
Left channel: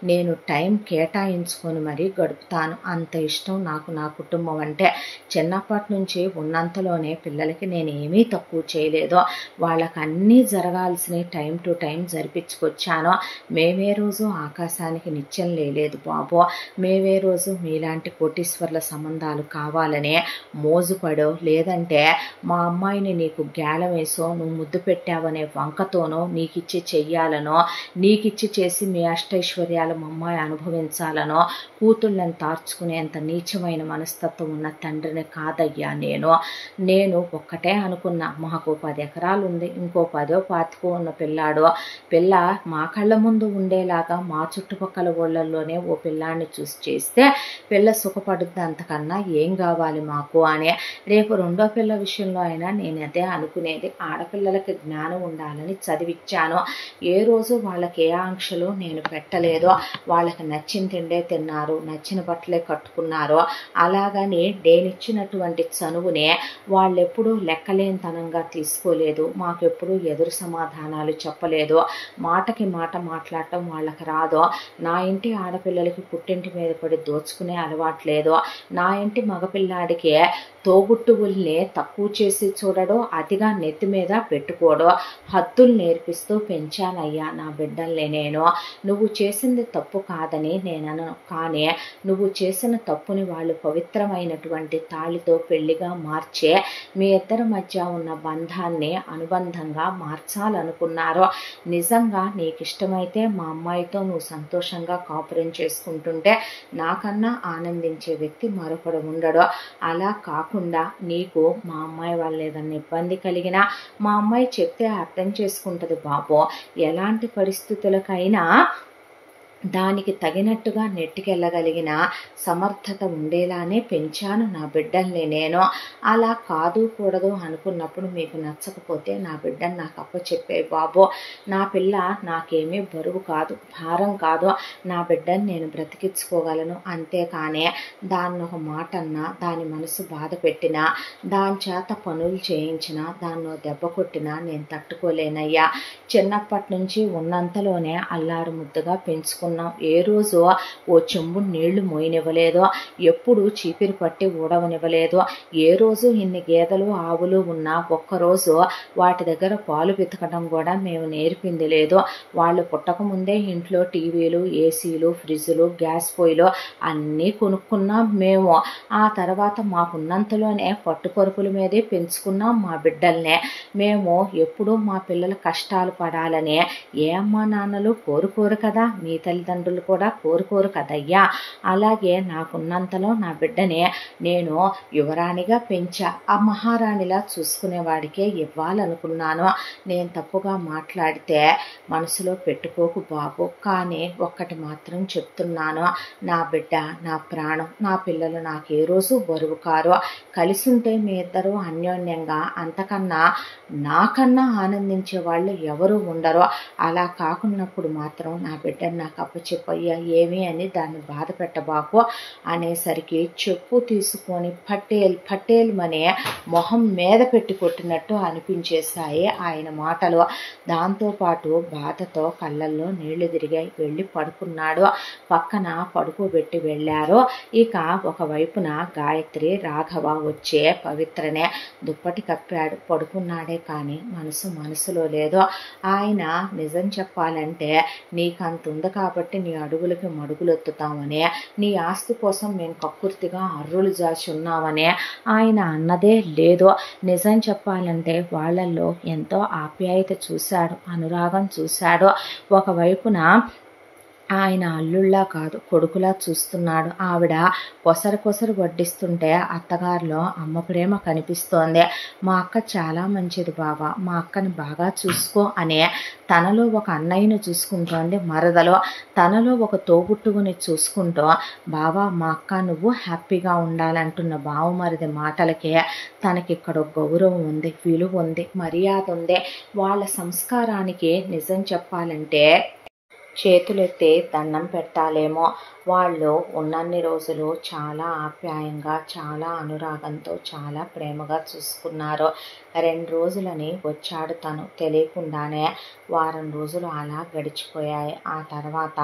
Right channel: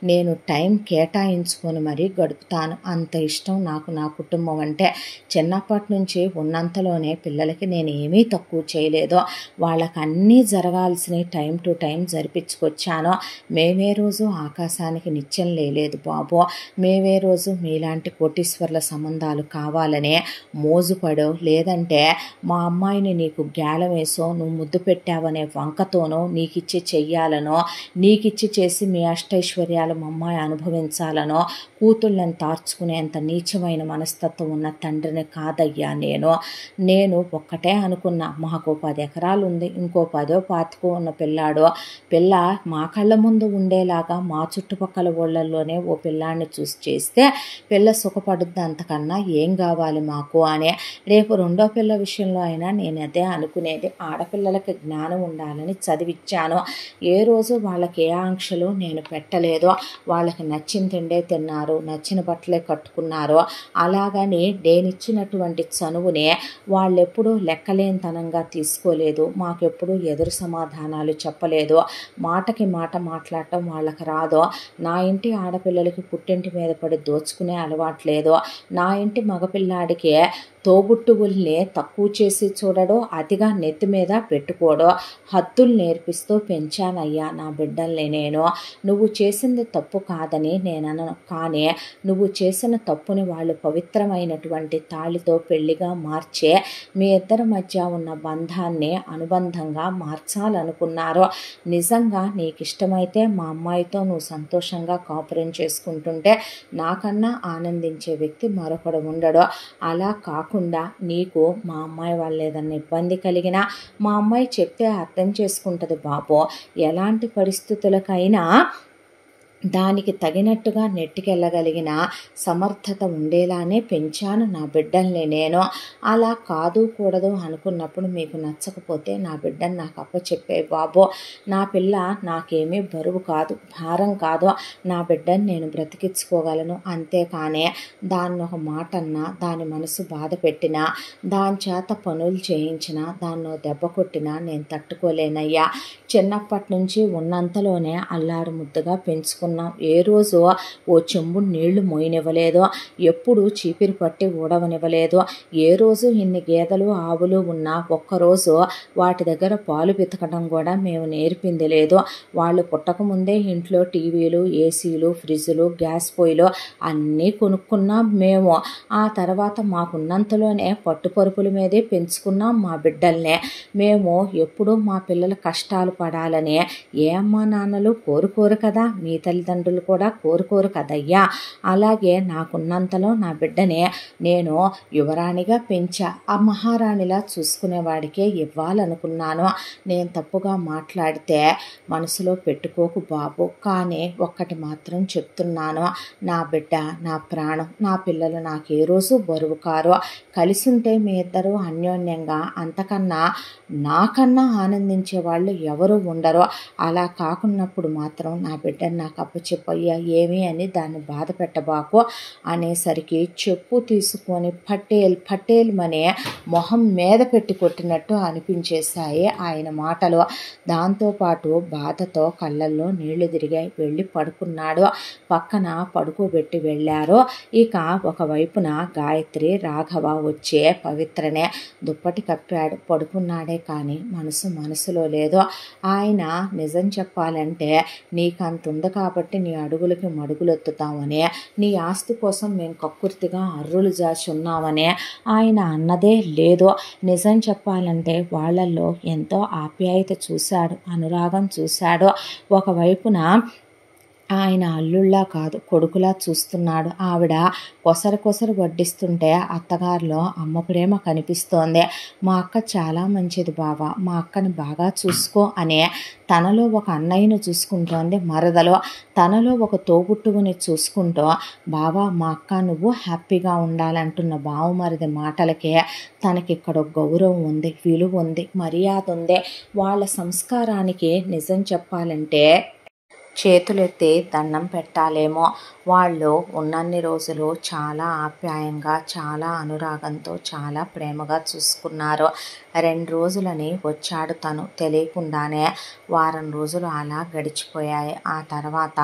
నేను టైం కేటాయించుకొని మరీ గడుపుతాను. అంత ఇష్టం నాకు నా కుటుంబం అంటే. చిన్నప్పటి నుంచి ఉన్నంతలోనే పిల్లలకి నేను ఏమీ తక్కువ చేయలేదు. వాళ్ళకి అన్నీ జరగాల్సిన టైం టు టైం జరిపించుకొచ్చాను. మేమే రోజు ఆకాశానికి నిత్యం లేదు బాబు. మేమే రోజు మీలాంటి కోటీశ్వర్ల సంబంధాలు కావాలనే మోజుపడో, లేదంటే మా అమ్మాయిని నీకు గ్యాలం వేసో, నువ్వు ముద్దు పెట్టావనే వంకతోనో, నీకిచ్చి చెయ్యాలనో, నీకిచ్చి చేసి మీ అష్టైశ్వర్యాలు మా అమ్మాయి అనుభవించాలనో కూతుళ్ళని తార్చుకునేంత నీచమైన మనస్తత్వం ఉన్న తండ్రిని కాదయ్యా నేను ఒక్కటే అనుకున్నా, మాకు 10 ఎకరాలు ఉంది, ఇంకో 10 పాతికో ఉన్న పిల్ల మా కళ్ళ ముందు ఉండేలాగా మా చుట్టుపక్కల ఊళ్ళల్లోనే ఓ పిల్లాన్ని చూసి చేస్తే పిల్ల సుఖపడుద్ది, అంతకన్నా ఏం కావాలి మాకు అని. రేపు రెండో పిల్ల విషయంలో అయినా నేను అదే అనుకునేది. ఆడపిల్లలకి జ్ఞానం ఉండాలని చదివిచ్చాను. ఏ రోజు వాళ్ళకి ఏ ఆంక్షలు నేను పెట్టలేదు. వాళ్ళకి నచ్చిన తిండే తిన్నారు, నచ్చిన బట్టలే కట్టుకున్నారు. అలాగని నేనిచ్చినటువంటి చనువునే వాళ్ళెప్పుడూ లెక్కలేనితనంగా తీసుకోలేదు. మాకెప్పుడు ఎదురు సమాధానాలు చెప్పలేదు. మాటకి మాట మాట్లాడటం వాళ్ళకి రాదు. నా ఇంటి ఆడపిల్లలకి పుట్టింటి మీద పడి దోచుకునే అలవాట్లేదు. నా ఇంటి మగపిల్లాడికి తోబుట్టువుల్ని తక్కువ చేసి చూడడో, అతిగా నెత్తి మీద పెట్టుకోడో, హద్దులు నేర్పిస్తూ పెంచానయ్యా నా బిడ్డల్ని నేను. నువ్వు చేసింది తప్పు కాదని నేనను, కానీ నువ్వు చేసిన తప్పుని వాళ్ళు పవిత్రమైనటువంటి తాళితో పెళ్లిగా మార్చే మీ ఇద్దరి మధ్య ఉన్న బంధాన్ని అనుబంధంగా మార్చాలనుకున్నారు. నిజంగా నీకు ఇష్టమైతే మా అమ్మాయితో నువ్వు సంతోషంగా కాపురం చేసుకుంటుంటే నాకన్నా ఆనందించే వ్యక్తి మరొకడు ఉండడు. అలా కాకుండా నీకు మా అమ్మాయి వాళ్ళు ఏదన్నా ఇబ్బంది కలిగినా మా అమ్మాయి చెప్తే అర్థం చేసుకుంటుంది బాబు. ఎలాంటి పరిస్థితులకైనా దానికి తగినట్టుగా నెట్టుకెళ్ళగలిగిన సమర్థత ఉండేలానే పెంచాను నా బిడ్డల్ని నేను. అలా కాదు కూడదు అనుకున్నప్పుడు మీకు నచ్చకపోతే నా బిడ్డను నాకు అప్పచెప్పే బాబు. నా పిల్ల నాకేమీ బరువు కాదు, భారం కాదు. నా బిడ్డని నేను బ్రతికించుకోగలను. అంతేకానే దాన్ని ఒక మాట అన్నా, దాని మనసు బాధ పెట్టినా, దాని చేత పనులు చేయించినా, దాన్నో దెబ్బ కొట్టినా నేను తట్టుకోలేనయ్యా. చిన్నప్పటి నుంచి ఉన్నంతలోనే అల్లారు ముద్దుగా పెంచుకున్నాం. ఏ రోజు ఓ చెంబు నీళ్లు మోయనివ్వలేదు, ఎప్పుడు చీపిరి పట్టి ఊడవనివ్వలేదు. ఏ రోజు ఇన్ని గేదెలు ఆవులు ఉన్నా ఒక్కరోజు వాటి దగ్గర పాలు పితకడం కూడా మేము నేర్పింది లేదు. వాళ్ళు పుట్టకముందే ఇంట్లో టీవీలు, ఏసీలు, ఫ్రిడ్జ్లు, గ్యాస్ పొయ్యిలు అన్నీ కొనుక్కున్నాం మేము. ఆ తర్వాత మాకున్నంతలోనే పట్టుపరుపుల మీదే పెంచుకున్నాం మా బిడ్డల్నే. మేము ఎప్పుడూ మా పిల్లల కష్టాలు పడాలని ఏ అమ్మా నాన్నలు కోరుకోరు కదా, మీ తల్లిదండ్రులు కూడా కోరుకోరు కదయ్యా. అలాగే నాకున్నంతలో నా బిడ్డనే నేను యువరాణిగా పెంచా. ఆ మహారాణిలా చూసుకునేవాడికే ఇవ్వాలనుకున్నాను. నేను తప్పుగా మాట్లాడితే మనసులో పెట్టుకోకు బాబు. కానీ ఒక్కటి మాత్రం చెప్తున్నాను, నా బిడ్డ నా ప్రాణం. నా పిల్లలు నాకు ఏ రోజు బరువు కారు. కలిసి ఉంటే మీ ఇద్దరు అన్యోన్యంగా అంతకన్నా నాకన్నా ఆనందించే వాళ్ళు ఎవరు ఉండరు. అలా కాకున్నప్పుడు మాత్రం నా బిడ్డను నాకు అప్పచెప్పయ్యా ఏమి అని దాన్ని బాధ పెట్టబాకు అనేసరికి చెప్పు తీసుకొని పట్టేల్మనే మొహం మీద పెట్టి కొట్టినట్టు అనిపించేశాయి ఆయన మాటలు. దాంతోపాటు బాధతో కళ్ళల్లో నీళ్లు తిరిగాయి. వెళ్ళి పడుకున్నాడు. పక్కన పడుకోబెట్టి వెళ్ళారు. ఇక ఒకవైపున గాయత్రి, రాఘవ వచ్చే పవిత్రనే దుప్పటి కప్పాడు. పడుకున్నాడే కానీ మనసులో లేదు. ఆయన నిజం చెప్పాలంటే నీకంత ఉంది కాబట్టి నీ అడుగులకి మడుగులెత్తుతామని, నీ ఆస్తి కోసం మేము కక్కుర్తిగా అర్రులు జాచి ఉన్నామని ఆయన అన్నదే లేదు. నిజం చెప్పాలంటే వాళ్ళల్లో ఎంతో ఆప్యాయత చూశాడు, అనురాగం చూశాడు. ఒకవైపున ఆయన అల్లుళ్ళా కాదు కొడుకులా చూస్తున్నాడు. ఆవిడ కొసరు వడ్డిస్తుంటే అత్తగారిలో అమ్మ ప్రేమ కనిపిస్తోంది. మా అక్క చాలా మంచిది బావ, మా అక్కని బాగా చూసుకో అనే తనలో ఒక అన్నయ్యను చూసుకుంటోంది మరదలో. తనలో ఒక తోబుట్టువుని చూసుకుంటూ బావా మా అక్క నువ్వు హ్యాపీగా ఉండాలంటున్న బావమరిది మాటలకే తనకిక్కడ గౌరవం ఉంది, విలువ ఉంది, మర్యాద ఉంది. వాళ్ళ సంస్కారానికి నిజం చెప్పాలంటే చేతులెత్తి దండం పెట్టాలేమో. వాళ్ళు ఉన్నన్ని రోజులు చాలా ఆప్యాయంగా, చాలా అనురాగంతో, చాలా ప్రేమగా చూసుకున్నారు. 2 రోజులని వచ్చాడు తను తెలియకుండానే. వారం రోజులు అలా గడిచిపోయాయి. ఆ తర్వాత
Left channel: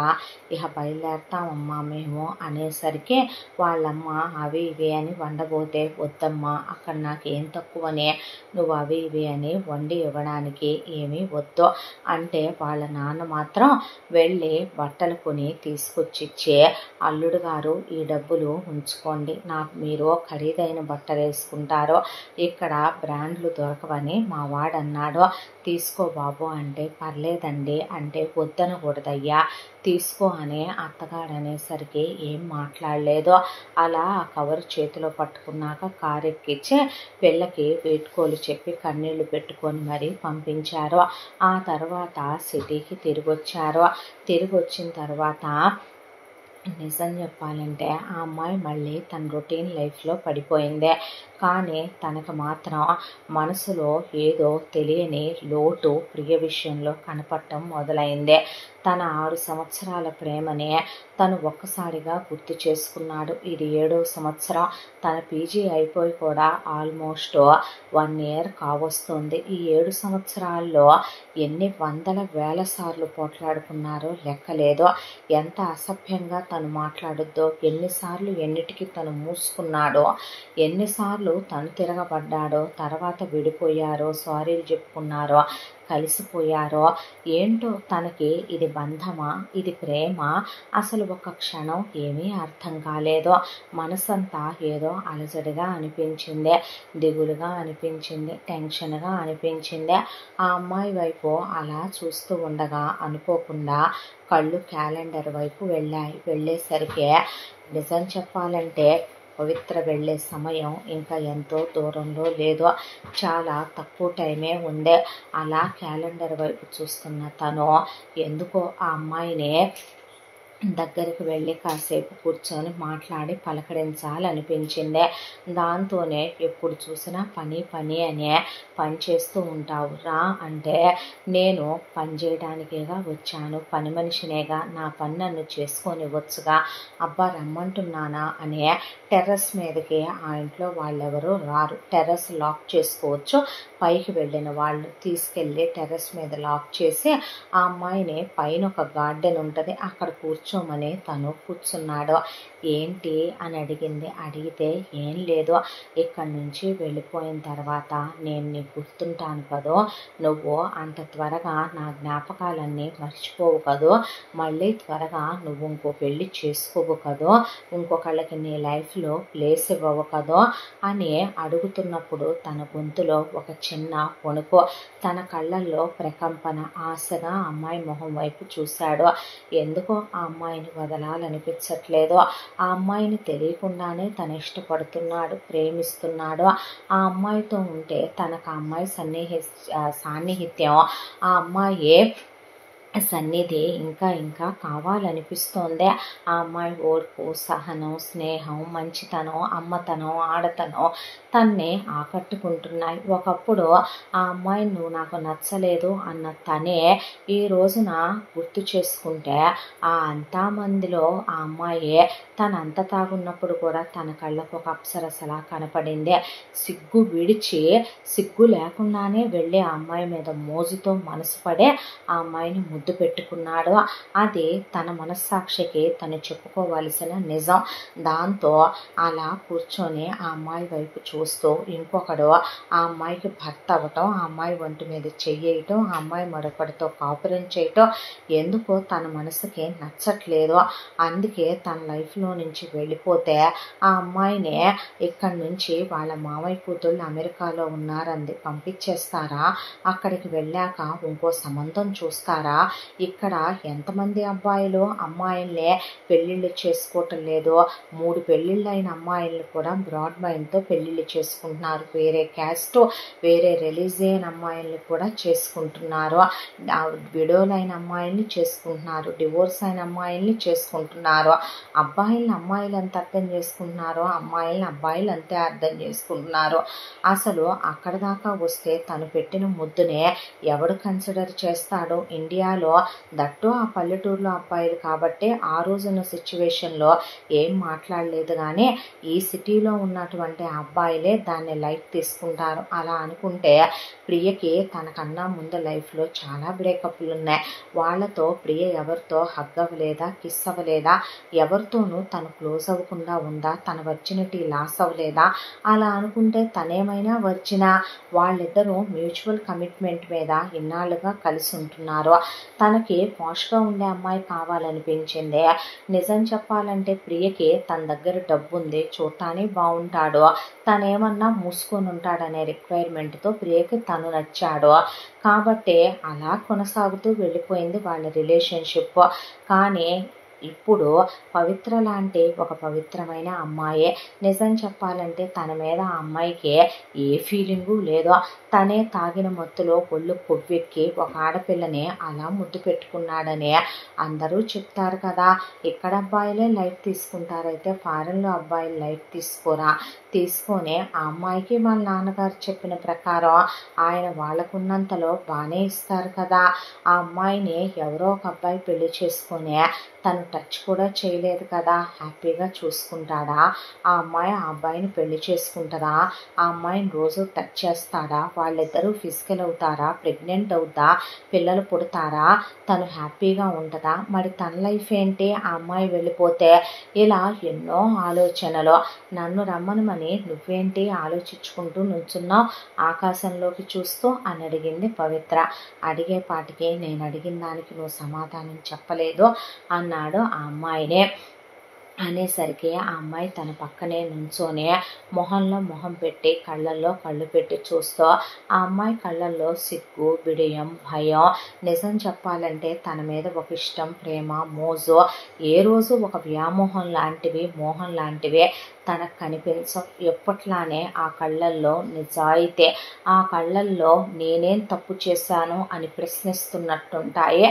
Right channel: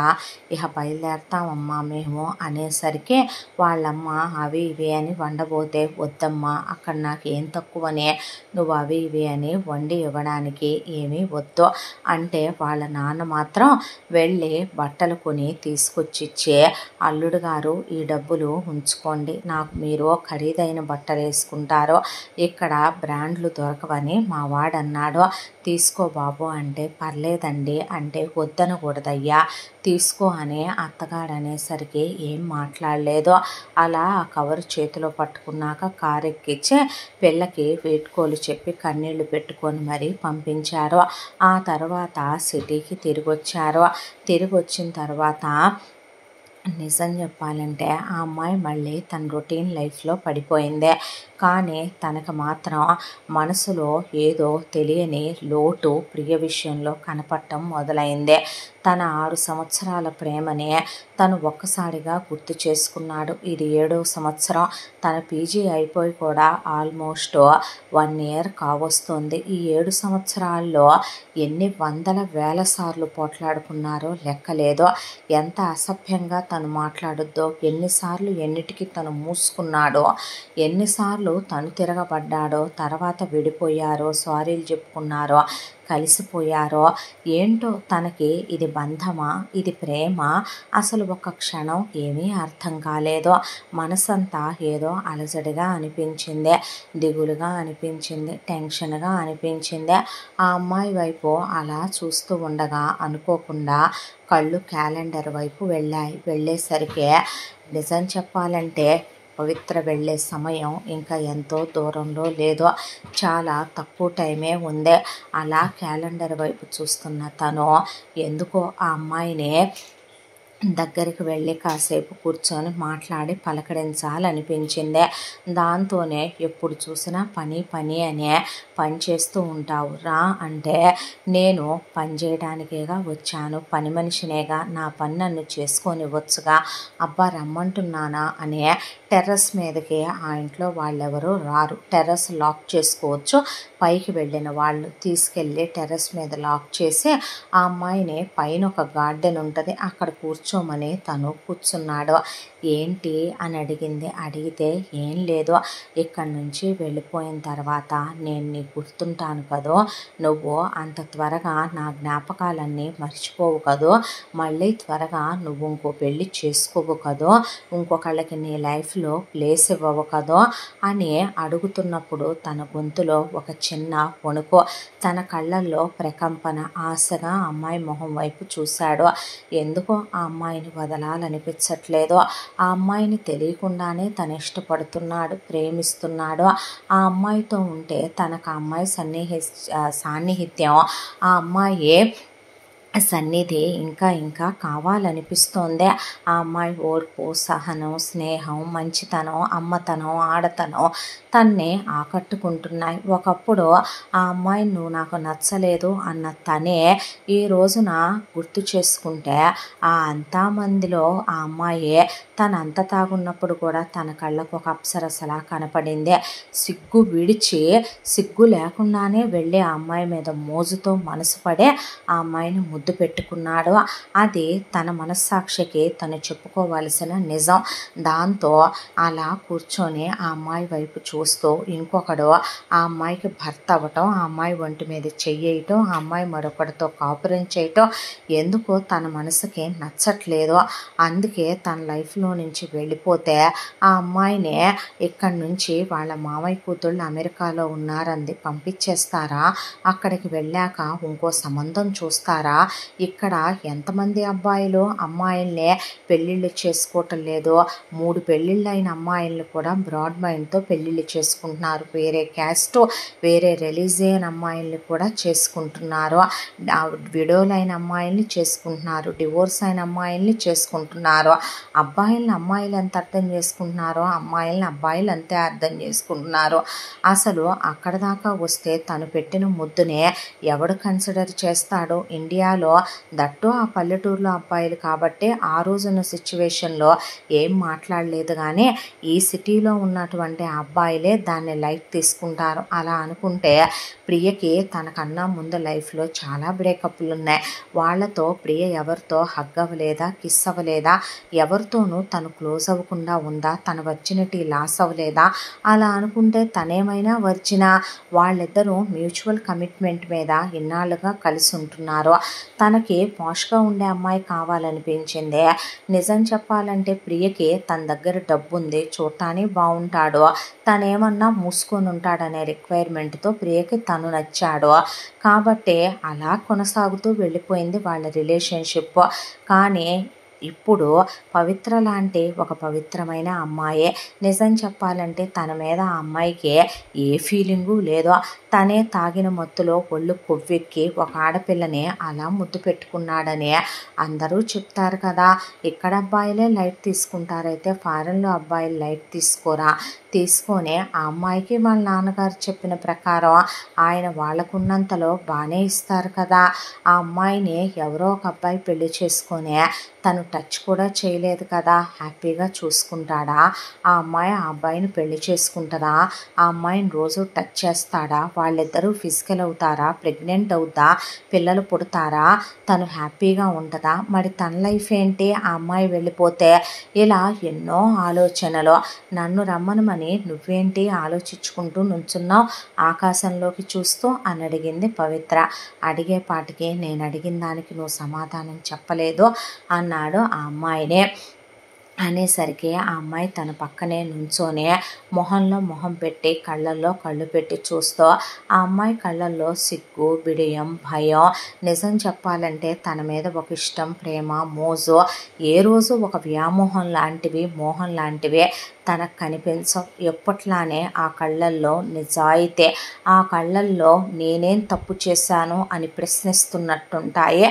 ఇక బయలుదేరతామమ్మా మేము అనేసరికి వాళ్ళమ్మ అవి ఇవి అని వండబోతే, వద్దమ్మా అక్కడ నాకేం తక్కువనే, నువ్వు అవి ఇవి అని వండి ఇవ్వడానికి ఏమీ వద్దు అంటే వాళ్ళ నాన్న మాత్రం వెళ్ళి బట్టలు కొని తీసుకొచ్చిచ్చే, అల్లుడు గారు ఈ డబ్బులు ఉంచుకోండి, నాకు మీరు ఖరీదైన బట్టలు వేసుకుంటారో ఇక్కడ బ్రాండ్లు దొరకవని మా వాడన్నాడు. తీసుకో బాబు అంటే పర్లేదండి అంటే వద్దనకూడదయ్యా తీసుకో అని అత్తగారు అనేసరికి ఏం మాట్లాడలేదు. అలా ఆ కవరు చేతిలో పట్టుకున్నాక కారు ఎక్కించి పిల్లకి వేటుకోలు చెప్పి కన్నీళ్లు పెట్టుకొని మరీ పంపించారు. ఆ తర్వాత సిటీకి తిరిగి వచ్చారు. తిరిగి వచ్చిన తర్వాత నిజం చెప్పాలంటే ఆ అమ్మాయి మళ్ళీ తన రొటీన్ లైఫ్లో పడిపోయింది. కానీ తనకు మాత్రం మనసులో ఏదో తెలియని లోటు ప్రియ విషయంలో కనపడటం మొదలైంది. తన 6 సంవత్సరాల ప్రేమనే తను ఒక్కసారిగా గుర్తు చేసుకున్నాడు. ఇది 7వ సంవత్సరం. తన పీజీ అయిపోయి కూడా ఆల్మోస్ట్ 1 ఇయర్ కావస్తుంది. ఈ 7 సంవత్సరాల్లో ఎన్ని వందల వేల సార్లు పోట్లాడుకున్నారో లెక్కలేదో. ఎంత అసభ్యంగా తను మాట్లాడుద్దో, ఎన్నిసార్లు ఎన్నిటికి తను మూసుకున్నాడో, ఎన్నిసార్లు తను తిరగబడ్డాడో, తర్వాత విడిపోయారో, సారీలు చెప్పుకున్నారో, కలిసిపోయారో. ఏంటో తనకి ఇది బంధమా, ఇది ప్రేమ, అసలు ఒక క్షణం ఏమీ అర్థం కాలేదో. మనసంతా ఏదో అలజడిగా అనిపించింది, దిగులుగా అనిపించింది, టెన్షన్గా అనిపించింది. ఆ అమ్మాయి వైపు అలా చూస్తూ ఉండగా అనుకోకుండా కళ్ళు క్యాలెండర్ వైపు వెళ్ళేసరికి నిజం చెప్పాలంటే పవిత్ర వెళ్ళే సమయం ఇంకా ఎంతో దూరంలో లేదో, చాలా తక్కువ టైమే ఉంది. అలా క్యాలెండర్ వైపు చూస్తున్న తను ఎందుకో ఆ అమ్మాయిని దగ్గరికి వెళ్ళి కాసేపు కూర్చొని మాట్లాడి పలకరించాలనిపించింది. దాంతోనే ఎప్పుడు చూసినా పని పని అనే పని చేస్తూ ఉంటావు రా అంటే, నేను పని చేయడానికేగా వచ్చాను, పని మనిషినేగా, నా పని నన్ను చేసుకొనివ్వచ్చుగా, అబ్బా రమ్మంటున్నానా అనే టెర్రస్ మీదకి ఆ ఇంట్లో వాళ్ళెవరూ రారు. టెర్రస్ లాక్ చేసుకోవచ్చు. పైకి వెళ్ళిన వాళ్ళు తీసుకెళ్ళి టెర్రస్ మీద లాక్ చేసి ఆ అమ్మాయిని పైన ఒక గార్డెన్ ఉంటుంది, అక్కడ కూర్చోమని తను కూర్చున్నాడు. ఏంటి అని అడిగితే ఏం లేదు, ఇక్కడి నుంచి వెళ్ళిపోయిన తర్వాత నేను నీకు గుర్తుంటాను కదో, నువ్వు అంత త్వరగా నా జ్ఞాపకాలన్నీ మర్చిపోవు కదో, మళ్ళీ త్వరగా నువ్వు ఇంకో పెళ్ళి చేసుకోవు కదో, ఇంకొకళ్ళకి నీ లైఫ్లో ప్లేస్ ఇవ్వవు కదో అని అడుగుతున్నప్పుడు తన గొంతులో ఒక చిన్న వణుకు, తన కళ్ళల్లో ప్రకంపన. ఆశగా అమ్మాయి మొహం వైపు చూశాడు. ఎందుకో ఆ అమ్మాయిని వదలాలనిపించట్లేదు. ఆ అమ్మాయిని తెలియకుండానే తను ఇష్టపడుతున్నాడు, ప్రేమిస్తున్నాడు. ఆ అమ్మాయితో ఉంటే తనకు ఆ అమ్మాయి సాన్నిహిత్యం, ఆ అమ్మాయి సన్నిధి ఇంకా ఇంకా కావాలనిపిస్తోంది. ఆ అమ్మాయి ఓర్పు, సహనం, స్నేహం, మంచితనం, అమ్మతనం, ఆడతనం తన్నే ఆకట్టుకుంటున్నాయి. ఒకప్పుడు ఆ అమ్మాయి నువ్వు నాకు నచ్చలేదు అన్న తనే ఈ రోజున గుర్తు చేసుకుంటే ఆ అంతా మందిలో ఆ అమ్మాయి తనంత తాగున్నప్పుడు కూడా తన కళ్ళకు ఒక అప్సరసలా కనపడింది. సిగ్గు విడిచి, సిగ్గు లేకుండానే వెళ్ళి ఆ అమ్మాయి మీద మోజుతో మనసు పడే ఆ అమ్మాయిని ముద్దు పెట్టుకున్నాడు. అది తన మనస్సాక్షికి తను చెప్పుకోవలసిన నిజం. దాంతో అలా కూర్చొని ఆ అమ్మాయి వైపు చూస్తూ ఇంకొకడు ఆ అమ్మాయికి భర్త అవ్వటం, ఆ అమ్మాయి ఒంటి మీద చెయ్యటం, ఆ అమ్మాయి మరొకటితో కాపురం చేయటం ఎందుకో తన మనసుకి నచ్చట్లేదు. అందుకే తన లైఫ్లో నుంచి వెళ్ళిపోతే ఆ అమ్మాయిని ఇక్కడి నుంచి వాళ్ళ మామయ్య కూతుళ్ళు అమెరికాలో ఉన్నారంది, పంపించేస్తారా, అక్కడికి వెళ్ళాక ఇంకో సంబంధం చూస్తారా, ఇక్కడ ఎంతమంది అబ్బాయిలు అమ్మాయిల్నే పెళ్ళిళ్ళు చేసుకోవటం లేదో, 3 పెళ్ళిళ్ళు అయిన అమ్మాయిల్ని కూడా బ్రాడ్ మైండ్తో పెళ్ళిళ్ళు చేసుకుంటున్నారు, వేరే క్యాస్ట్, వేరే రిలీజియన్ అమ్మాయిల్ని కూడా చేసుకుంటున్నారు, విడోలైన అమ్మాయిల్ని చేసుకుంటున్నారు, డివోర్స్ అయిన అమ్మాయిల్ని చేసుకుంటున్నారు. అబ్బాయిల్ని అమ్మాయిలు ఎంత అర్థం చేసుకుంటున్నారో అమ్మాయిల్ని అబ్బాయిలు అంతే అర్థం చేసుకుంటున్నారు. అసలు అక్కడ దాకా వస్తే తను పెట్టిన ముద్దునే ఎవడు కన్సిడర్ చేస్తాడో ఇండియాలో, దట్టు ఆ పల్లెటూరులో అబ్బాయిలు కాబట్టి ఆ రోజున సిచ్యువేషన్లో ఏం మాట్లాడలేదు. కానీ ఈ సిటీలో ఉన్నటువంటి అబ్బాయిలే దాన్ని లైట్ తీసుకుంటారు. అలా అనుకుంటే ప్రియకి తనకన్నా ముందు లైఫ్లో చాలా బ్రేకప్లు ఉన్నాయి. వాళ్ళతో ప్రియ ఎవరితో హగ్ అవ్వలేదా, కిస్ అవ్వలేదా, ఎవరితోనూ తను క్లోజ్ అవ్వకుండా ఉందా, తన వర్జినిటీ లాస్ అవ్వలేదా. అలా అనుకుంటే తనేమైనా వర్జినా, వాళ్ళిద్దరూ మ్యూచువల్ కమిట్మెంట్ మీద ఇన్నాళ్ళుగా కలిసి ఉంటున్నారు. తనకి పాష్గా ఉండే అమ్మాయి కావాలనిపించింది. నిజం చెప్పాలంటే ప్రియకి తన దగ్గర డబ్బు ఉంది, చూడటానికి బాగుంటాడు, తనేమన్నా మూసుకొని ఉంటాడనే రిక్వైర్మెంట్తో ప్రియకి తను నచ్చాడు. కాబట్టి అలా కొనసాగుతూ వెళ్ళిపోయింది వాళ్ళ రిలేషన్షిప్. కానీ ఇప్పుడు పవిత్ర లాంటి ఒక పవిత్రమైన అమ్మాయే. నిజం చెప్పాలంటే తన మీద ఆ అమ్మాయికి ఏ ఫీలింగు లేదో. తనే తాగిన మత్తులో ఒళ్ళు కొవ్వెక్కి ఒక ఆడపిల్లని అలా ముద్దు పెట్టుకున్నాడని అందరూ చెప్తారు కదా. ఇక్కడ అబ్బాయిలే లైట్ తీసుకుంటారైతే ఫారెన్లో అబ్బాయిలు లైట్ తీసుకోరా? తీసుకొని ఆ అమ్మాయికి వాళ్ళ నాన్నగారు చెప్పిన ప్రకారం ఆయన వాళ్ళకున్నంతలో బాగానే ఇస్తారు కదా. ఆ అమ్మాయిని ఎవరో ఒక అబ్బాయి పెళ్లి చేసుకొని తను టచ్ కూడా చేయలేదు కదా, హ్యాపీగా చూసుకుంటాడా? ఆ అమ్మాయి ఆ అబ్బాయిని పెళ్లి చేసుకుంటుందా? ఆ అమ్మాయిని రోజు టచ్ చేస్తాడా? వాళ్ళిద్దరూ ఫిజికల్ అవుతారా? ప్రెగ్నెంట్ అవుతా? పిల్లలు పుడతారా? తను హ్యాపీగా ఉంటుందా? మరి తన లైఫ్ ఏంటి? ఆ అమ్మాయి వెళ్ళిపోతే ఇలా ఎన్నో ఆలోచనలు. నన్ను రమ్మనమని నువ్వేంటి ఆలోచించుకుంటూ నుంచున్నావు ఆకాశంలోకి చూస్తూ అని అడిగింది పవిత్ర. అడిగేపాటికి నేను అడిగిన దానికి నువ్వు సమాధానం చెప్పలేదు అన్నాడు ఆ అమ్మాయినే. అనేసరికి ఆ అమ్మాయి తన పక్కనే నుంచోనే మొహంలో మొహం పెట్టి కళ్ళల్లో కళ్ళు పెట్టి చూస్తూ ఆ అమ్మాయి కళ్ళల్లో సిగ్గు, బిడియం, భయం. నిజం చెప్పాలంటే తన మీద ఒక ఇష్టం, ప్రేమ, మోజు ఏ రోజు ఒక వ్యామోహం లాంటివి, మోహం లాంటివి తనకు కనిపించవు. ఎప్పట్లానే ఆ కళ్ళల్లో నిజాయితీ, ఆ కళ్ళల్లో నేనేం తప్పు చేశాను అని ప్రశ్నిస్తున్నట్టుంటాయి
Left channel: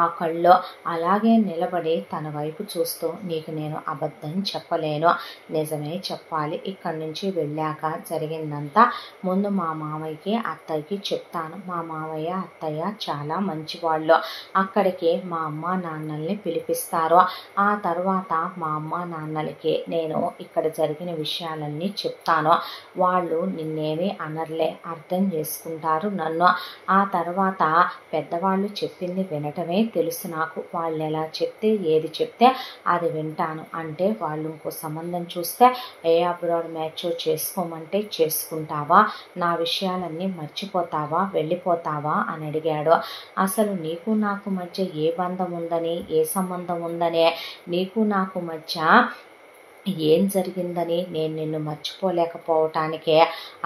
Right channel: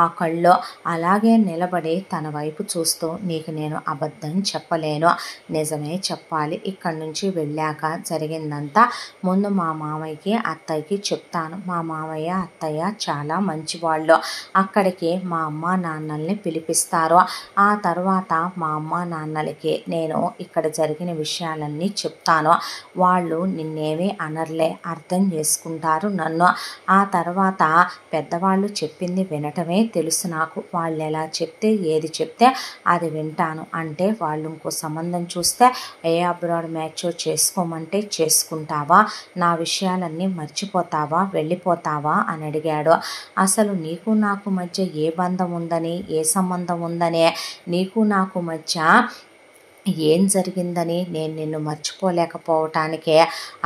ఆ కళ్ళు. అలాగే నిలబడి తన వైపు చూస్తూ నీకు నేను అబద్ధం చెప్పలేను, నిజమే చెప్పాలి. ఇక్కడి నుంచి వెళ్ళాక జరిగిందంతా ముందు మా మామయ్యకి అత్తయ్యకి చెప్తాను. మా మామయ్య అత్తయ్య చాలా మంచివాళ్ళు. అక్కడికి మా అమ్మ నాన్నల్ని పిలిపిస్తారు. ఆ తర్వాత మా అమ్మ నాన్నలకి నేను ఇక్కడ జరిగిన విషయాలన్నీ చెప్తాను. వాళ్ళు నిన్నేమీ అనర్లే, అర్థం చేసుకుంటారు నన్ను. ఆ తర్వాత పెద్దవాళ్ళు చెప్పింది వినటమే తెలుసు నాకు. వాళ్ళు ఎలా చెప్తే ఏది చెప్తే అది వింటాను. అంటే వాళ్ళు ఇంకో సంబంధం చూస్తే ఏ అబ్రాడ్ మ్యాచ్ చేసుకోమంటే చేసుకుంటావా? నా విషయాలన్నీ మర్చిపోతావా? వెళ్ళిపోతావా అని అడిగాడు. అసలు నీకు నాకు మధ్య ఏ బంధం ఉందని, ఏ సంబంధం ఉందనే, నీకు నాకు మధ్య ఏం జరిగిందని నేను నిన్ను మర్చిపోలేకపోవటానికే.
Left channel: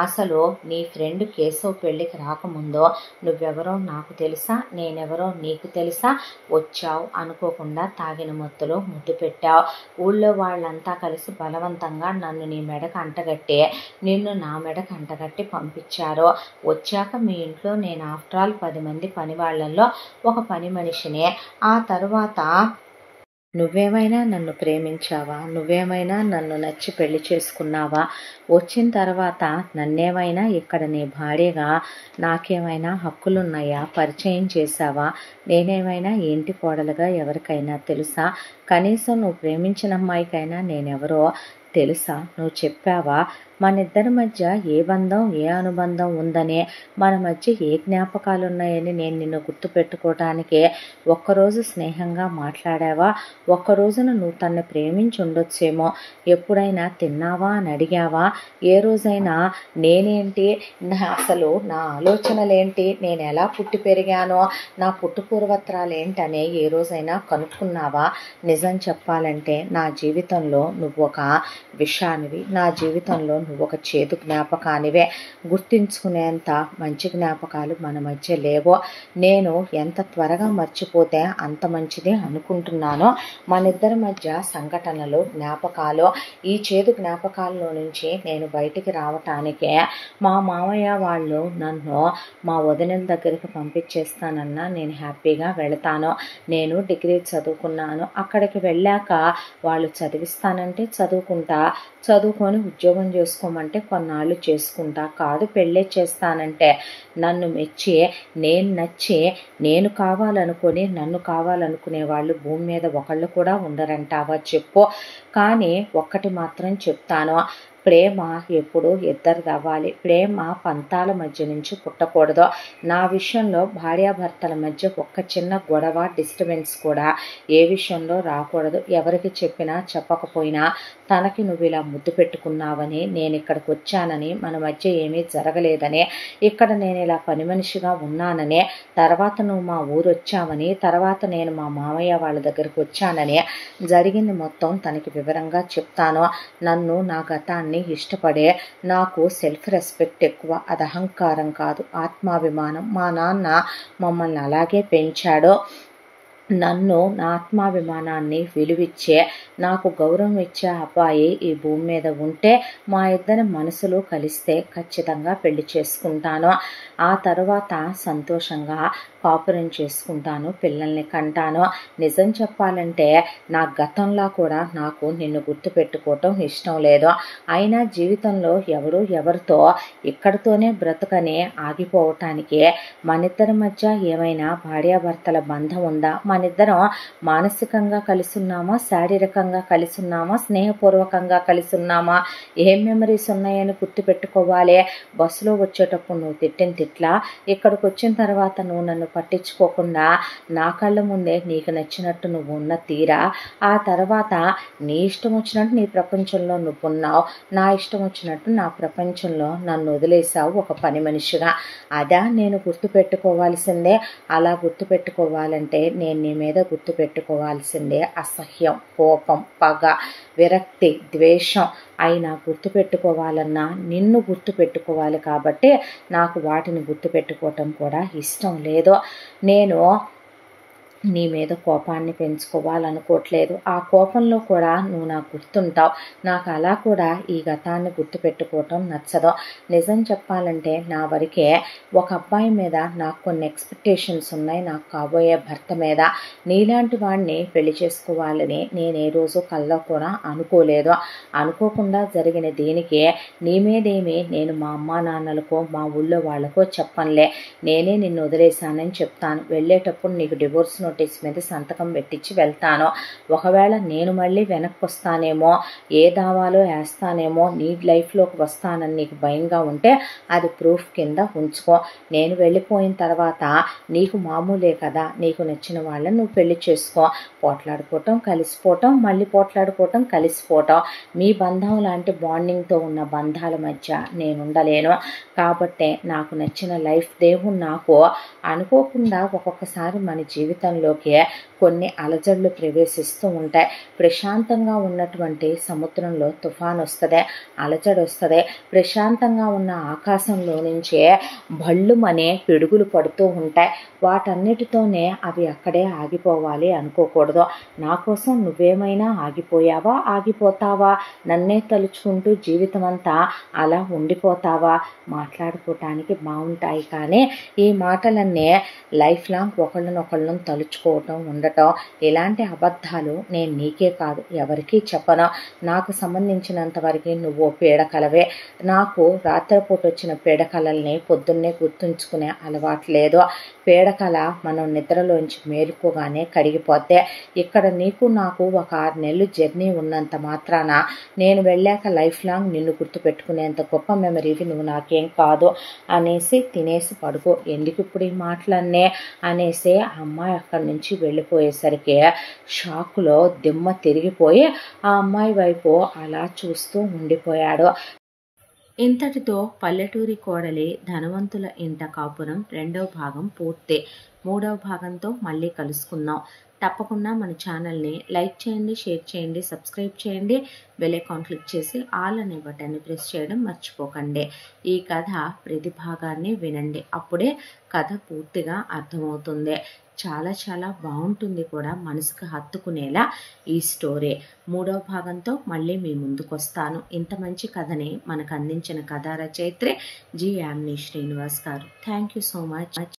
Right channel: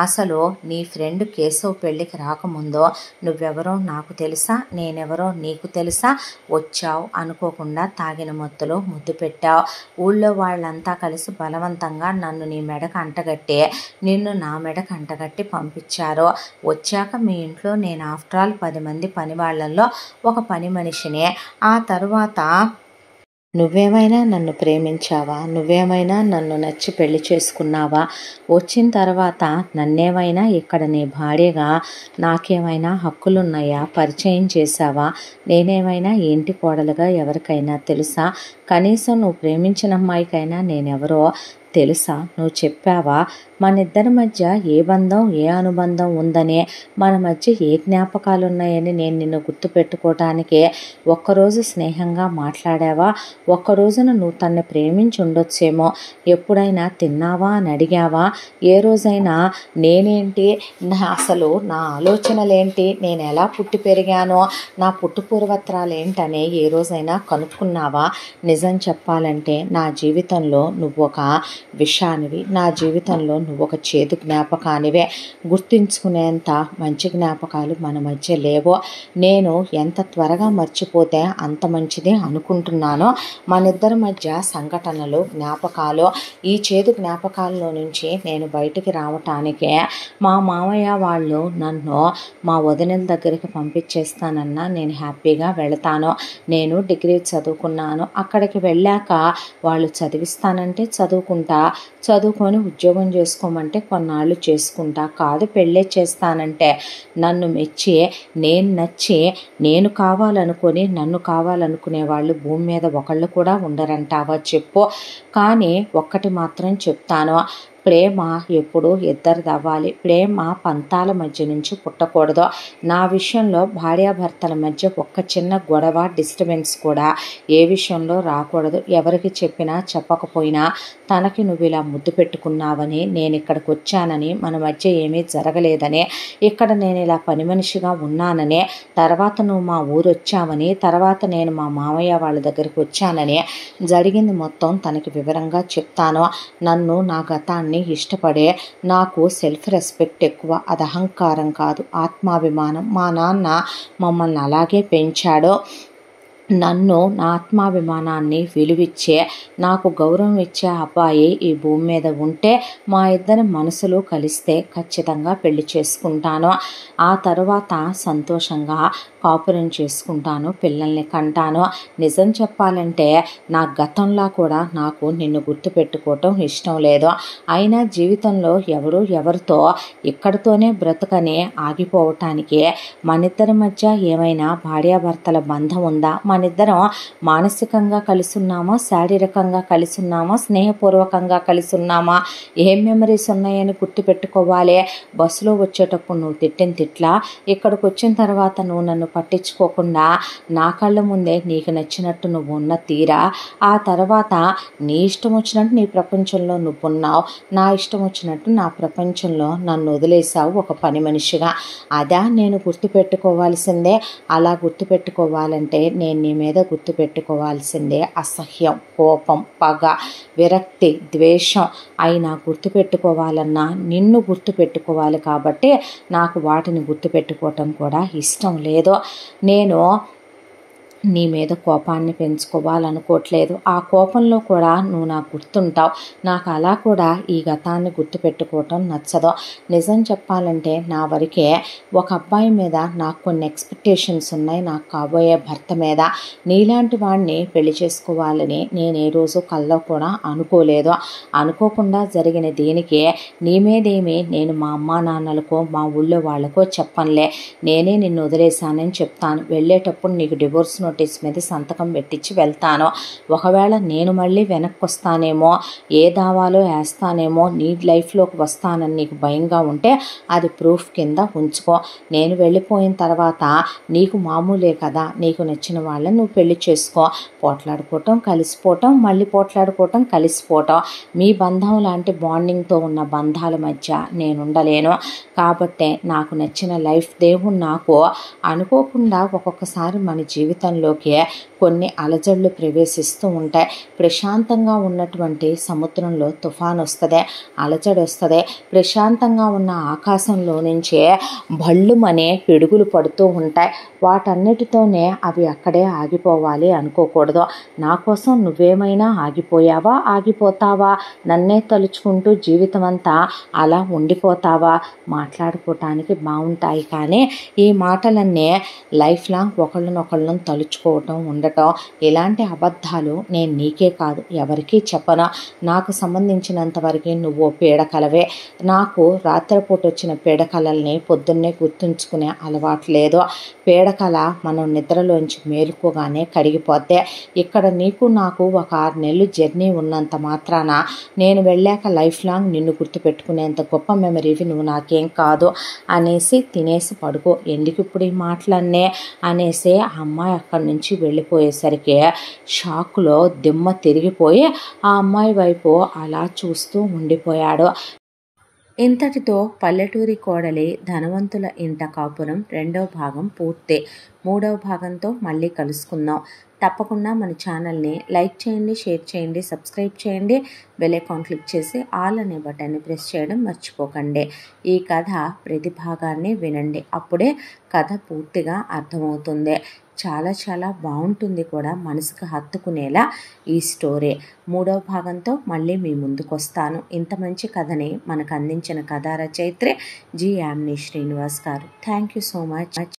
అసలు నీ ఫ్రెండ్ కేశవ్ పెళ్ళికి రాకముందో నువ్వెవరో నాకు తెలుసా, నేనెవరో నీకు తెలుసా? వచ్చావు, అనుకోకుండా తాగిన మత్తులో ముద్దు పెట్టావు. ఊళ్ళో వాళ్ళంతా కలిసి బలవంతంగా నన్ను నీ మెడకు అంటగట్టి నిన్ను నా మెడకు అంటగట్టి పంపించారు. వచ్చాక మీ ఇంట్లో నేను ఆఫ్టర్ ఆల్ 10 మంది పని వాళ్ళల్లో ఒక పని మనిషినే. ఆ తర్వాత నువ్వేమైనా నన్ను ప్రేమించావా? నువ్వేమైనా నన్ను నచ్చి పెళ్లి చేసుకున్నావా? వచ్చిన తర్వాత నన్నేమైనా ఇక్కడ నీ భార్యగా నాకేమైనా హక్కులున్నాయా? పరిచయం చేశావా? నేనేమైనా ఇంటి కోడలుగా ఎవరికైనా తెలుసా? కనీసం నువ్వు ప్రేమించిన అమ్మాయికైనా నేనెవరో తెలుసా? నువ్వు చెప్పావా? మన ఇద్దరి మధ్య ఏ బంధం, ఏ అనుబంధం ఉందనే, మన మధ్య ఏ జ్ఞాపకాలు ఉన్నాయని నేను నిన్ను గుర్తుపెట్టుకోవటానికి ఒక్కరోజు స్నేహంగా మాట్లాడావా? ఒక్కరోజున నువ్వు తన్ని ప్రేమించి ఉండొచ్చేమో. ఎప్పుడైనా తిన్నావా అని అడిగావా? ఏ రోజైనా నేనేంటి, అసలు నా ఆలోచనలేంటి, నేను ఎలా పుట్టి పెరిగానో, నా పుట్టు పూర్వత్రాలు ఏంటనే ఏ రోజైనా కనుక్కున్నావా? నిజం చెప్పాలంటే నా జీవితంలో నువ్వు ఒక విషానివి, నా జీవితంలో నువ్వు ఒక చేదు జ్ఞాపకానివే. గుర్తించుకునేంత మంచి జ్ఞాపకాలు మన మధ్య లేవో. నేను ఎంత త్వరగా మర్చిపోతే అంత మంచిదే అనుకుంటున్నాను. మన ఇద్దరి మధ్య సంఘటనలు, జ్ఞాపకాలు, ఈ చేదు జ్ఞాపకాల్లో నుంచి నేను బయటికి రావటానికే మా మామయ్య వాళ్ళు నన్ను మా వదినల దగ్గరికి పంపించేస్తానన్నా నేను హ్యాపీగా వెళతాను. నేను డిగ్రీ చదువుకున్నాను. అక్కడికి వెళ్ళాక వాళ్ళు చదివిస్తానంటే చదువుకుంటా, చదువుకొని ఉద్యోగం చేసుకోమంటే కొన్నాళ్ళు చేసుకుంటా. కాదు పెళ్ళే చేస్తానంటే నన్ను మెచ్చి, నేను నచ్చి, నేను కావాలనుకొని నన్ను కావాలనుకునే వాళ్ళు భూమి మీద ఒకళ్ళు కూడా ఉండరంటావా చెప్పు. కానీ ఒక్కటి మాత్రం చెప్తాను, ప్రేమ ఎప్పుడు ఇద్దరిది అవ్వాలి. ప్రేమ పంతాల మధ్య నుంచి పుట్టకూడదు. నా విషయంలో భార్యాభర్తల మధ్య ఒక్క చిన్న గొడవ, డిస్టర్బెన్స్ కూడా ఏ విషయంలో రాకూడదు. ఎవరికి చెప్పినా చెప్పకపోయినా తనకి నువ్వు ఇలా ముద్దు పెట్టుకున్నావని, నేను ఇక్కడికి వచ్చానని, మన మధ్య ఏమీ జరగలేదని, ఇక్కడ నేను ఇలా పని మనిషిగా ఉన్నానని, తర్వాత నువ్వు మా ఊరు వచ్చావని, తర్వాత నేను మా మామయ్య వాళ్ళ దగ్గరికి వచ్చానని జరిగింది మొత్తం తనకి వివరంగా చెప్తాను. నన్ను, నా గతాన్ని ఇష్టపడే, నాకు సెల్ఫ్ రెస్పెక్ట్ ఎక్కువ, అది అహంకారం కాదు, ఆత్మాభిమానం. మా నాన్న మమ్మల్ని అలాగే పెంచాడు. నన్ను నా ఆత్మాభిమానాన్ని విలువిచ్చే, నాకు గౌరవం ఇచ్చే అబ్బాయి ఈ భూమి మీద ఉంటే మా ఇద్దరి మనసులు కలిస్తే ఖచ్చితంగా పెళ్లి చేసుకుంటాను. ఆ తర్వాత సంతోషంగా కాపురం చేసుకుంటాను, పిల్లల్ని కంటాను. నిజం చెప్పాలంటే నా గతంలో కూడా నాకు నిన్ను గుర్తుపెట్టుకోవటం ఇష్టం లేదు. అయినా జీవితంలో ఎవరితో ఇక్కడితోనే బ్రతుకని ఆగిపోవటానికి మనిద్దరి మధ్య ఏమైనా భార్యాభర్తల బంధం ఉందా? మనిద్దరం మానసికంగా కలిసి ఉన్నామా, శారీరకంగా కలిసి ఉన్నామా, స్నేహపూర్వకంగా కలిసి ఉన్నామా, ఏం మెమరీస్ ఉన్నాయని గుర్తుపెట్టుకోవాలి. బస్సులో వచ్చేటప్పుడు నువ్వు తిట్టిన తిట్లా, ఇక్కడికి వచ్చిన తర్వాత నువ్వు నన్ను పట్టించుకోకుండా నా కళ్ళ ముందే నీకు నచ్చినట్టు నువ్వు ఉన్న తీరా, ఆ తర్వాత నీ ఇష్టం వచ్చినట్టు నీ ప్రపంచంలో నువ్వు ఉన్నావు, నా ఇష్టం వచ్చినట్టు నా ప్రపంచంలో నన్ను వదిలేసావు ఒక పని మనిషిగా. అదా నేను గుర్తుపెట్టుకోవాల్సిందే. అలా గుర్తుపెట్టుకోవాలంటే నేను నీ మీద గుర్తుపెట్టుకోవాల్సిందే అసహ్యం, కోపం, పగ, విరక్తి, ద్వేషం. అయినా గుర్తుపెట్టుకోవాలన్నా నిన్ను గుర్తుపెట్టుకోవాలి కాబట్టి నాకు వాటిని గుర్తుపెట్టుకోవటం కూడా ఇష్టం లేదు. నేను నీ మీద కోపాన్ని పెంచుకోవాలనుకోవట్లేదు. ఆ కోపంలో కూడా నువ్వు నాకు గుర్తుంటావు. నాకు అలా కూడా ఈ గతాన్ని గుర్తుపెట్టుకోవటం నచ్చదు. నిజం చెప్పాలంటే నా వరకే ఒక అబ్బాయి మీద నాకు కొన్ని ఎక్స్పెక్టేషన్స్ ఉన్నాయి, నాకు కాబోయే భర్త మీద. నీలాంటి వాడిని పెళ్లి చేసుకోవాలని నేను ఏ రోజు కల్లో కూడా అనుకోలేదు. అనుకోకుండా జరిగిన దీనికి నీ మీదేమి నేను మా అమ్మా నాన్నలకో మా ఊళ్ళో వాళ్ళకో చెప్పనులే. నేనే నిన్ను వదిలేశానని చెప్తాను. వెళ్ళేటప్పుడు నీకు డివోర్స్ నోటీస్ మీద సంతకం పెట్టించి వెళ్తాను. ఒకవేళ నేను మళ్ళీ వెనక్కి వస్తానేమో, ఏ దావాలో వేస్తానేమో, నీ లైఫ్లోకి వస్తానని నీకు భయంగా ఉంటే అది ప్రూఫ్ కింద ఉంచుకో. నేను వెళ్ళిపోయిన తర్వాత నీకు మామూలే కదా, నీకు నచ్చిన వాళ్ళని నువ్వు పెళ్లి చేసుకో. పోట్లాడుకోవటం, కలిసిపోవటం, మళ్ళీ పోట్లాడుకోవటం, కలిసిపోవటం, మీ బంధం లాంటి బాండింగ్తో ఉన్న బంధాల మధ్య నేను ఉండలేను. కాబట్టే నాకు నచ్చిన లైఫ్ దేవుడు నాకు అనుకోకుండా ఒక్కొక్కసారి మన జీవితంలోకి కొన్ని అలజడులు ప్రవేశిస్తూ ఉంటాయి. ప్రశాంతంగా ఉన్నటువంటి సముద్రంలో తుఫాను వస్తుంది, అలజడి వస్తుంది. ప్రశాంతంగా ఉన్న ఆకాశంలో నుంచే భళ్ళుమనే పిడుగులు పడుతూ ఉంటాయి. వాటన్నిటితోనే అవి అక్కడే ఆగిపోవాలి అనుకోకూడదు. నా కోసం నువ్వేమైనా ఆగిపోయావా, ఆగిపోతావా? నన్నే తలుచుకుంటూ జీవితం అంతా అలా ఉండిపోతావా? మాట్లాడుకోవటానికి బాగుంటాయి కానీ ఈ మాటలన్నీ లైఫ్ లాంగ్ ఒకళ్ళనొకళ్ళను తలుచుకోవటం, ఉండటం, ఇలాంటి అబద్ధాలు నేను నీకే కాదు ఎవరికీ చెప్పను. నాకు సంబంధించినంత వరకు నువ్వు పీడకలవే. నాకు రాత్రిపూట వచ్చిన పీడకలల్ని పొద్దున్నే గుర్తుంచుకునే అలవాటు లేదు. పీడకల మనం నిద్రలోంచి మేలుకోగానే కడిగిపోతే, ఇక్కడ నీకు నాకు ఒక 6 నెలలు జర్నీ ఉన్నంత మాత్రాన నేను వెళ్ళాక లైఫ్ లాంగ్ నిన్ను గుర్తుపెట్టుకునేంత గొప్ప మెమరీవి నువ్వు నాకేం కాదు అనేసి తినేసి పడుకో. ఎందుకు ఇప్పుడు ఈ మాటలన్నీ అనేసి ఆ అమ్మాయి అక్కడి నుంచి వెళ్ళిపోయేసరికి షాక్లో దిమ్మ తిరిగిపోయి ఆ అమ్మాయి వైపు అలా చూస్తూ ఉండిపోయాడు. ఇంతటితో పల్లెటూరి కోడలి ధనవంతుల ఇంట కాపురం 2వ భాగం పూర్తి. 3వ భాగంతో మళ్ళీ కలుసుకుందాం. తప్పకుండా మన ఛానల్ని లైక్ చేయండి, షేర్ చేయండి, సబ్స్క్రైబ్ చేయండి, బెల్ ఐకాన్ క్లిక్ చేసి ఆల్ అనే బటన్ని ప్రెస్ చేయడం మర్చిపోకండి. ఈ కథ ప్రతి భాగాన్ని వినండి, అప్పుడే కథ పూర్తిగా అర్థమవుతుంది. చాలా చాలా బాగుంటుంది కూడా, మనసుకు హత్తుకునేలా ఈ స్టోరీ. 3వ భాగంతో మళ్ళీ మీ ముందుకు వస్తాను. ఇంత మంచి కథని మనకు అందించిన కథా రచయిత్రి జి. యామిని శ్రీనివాస్ గారు. Thank you so much.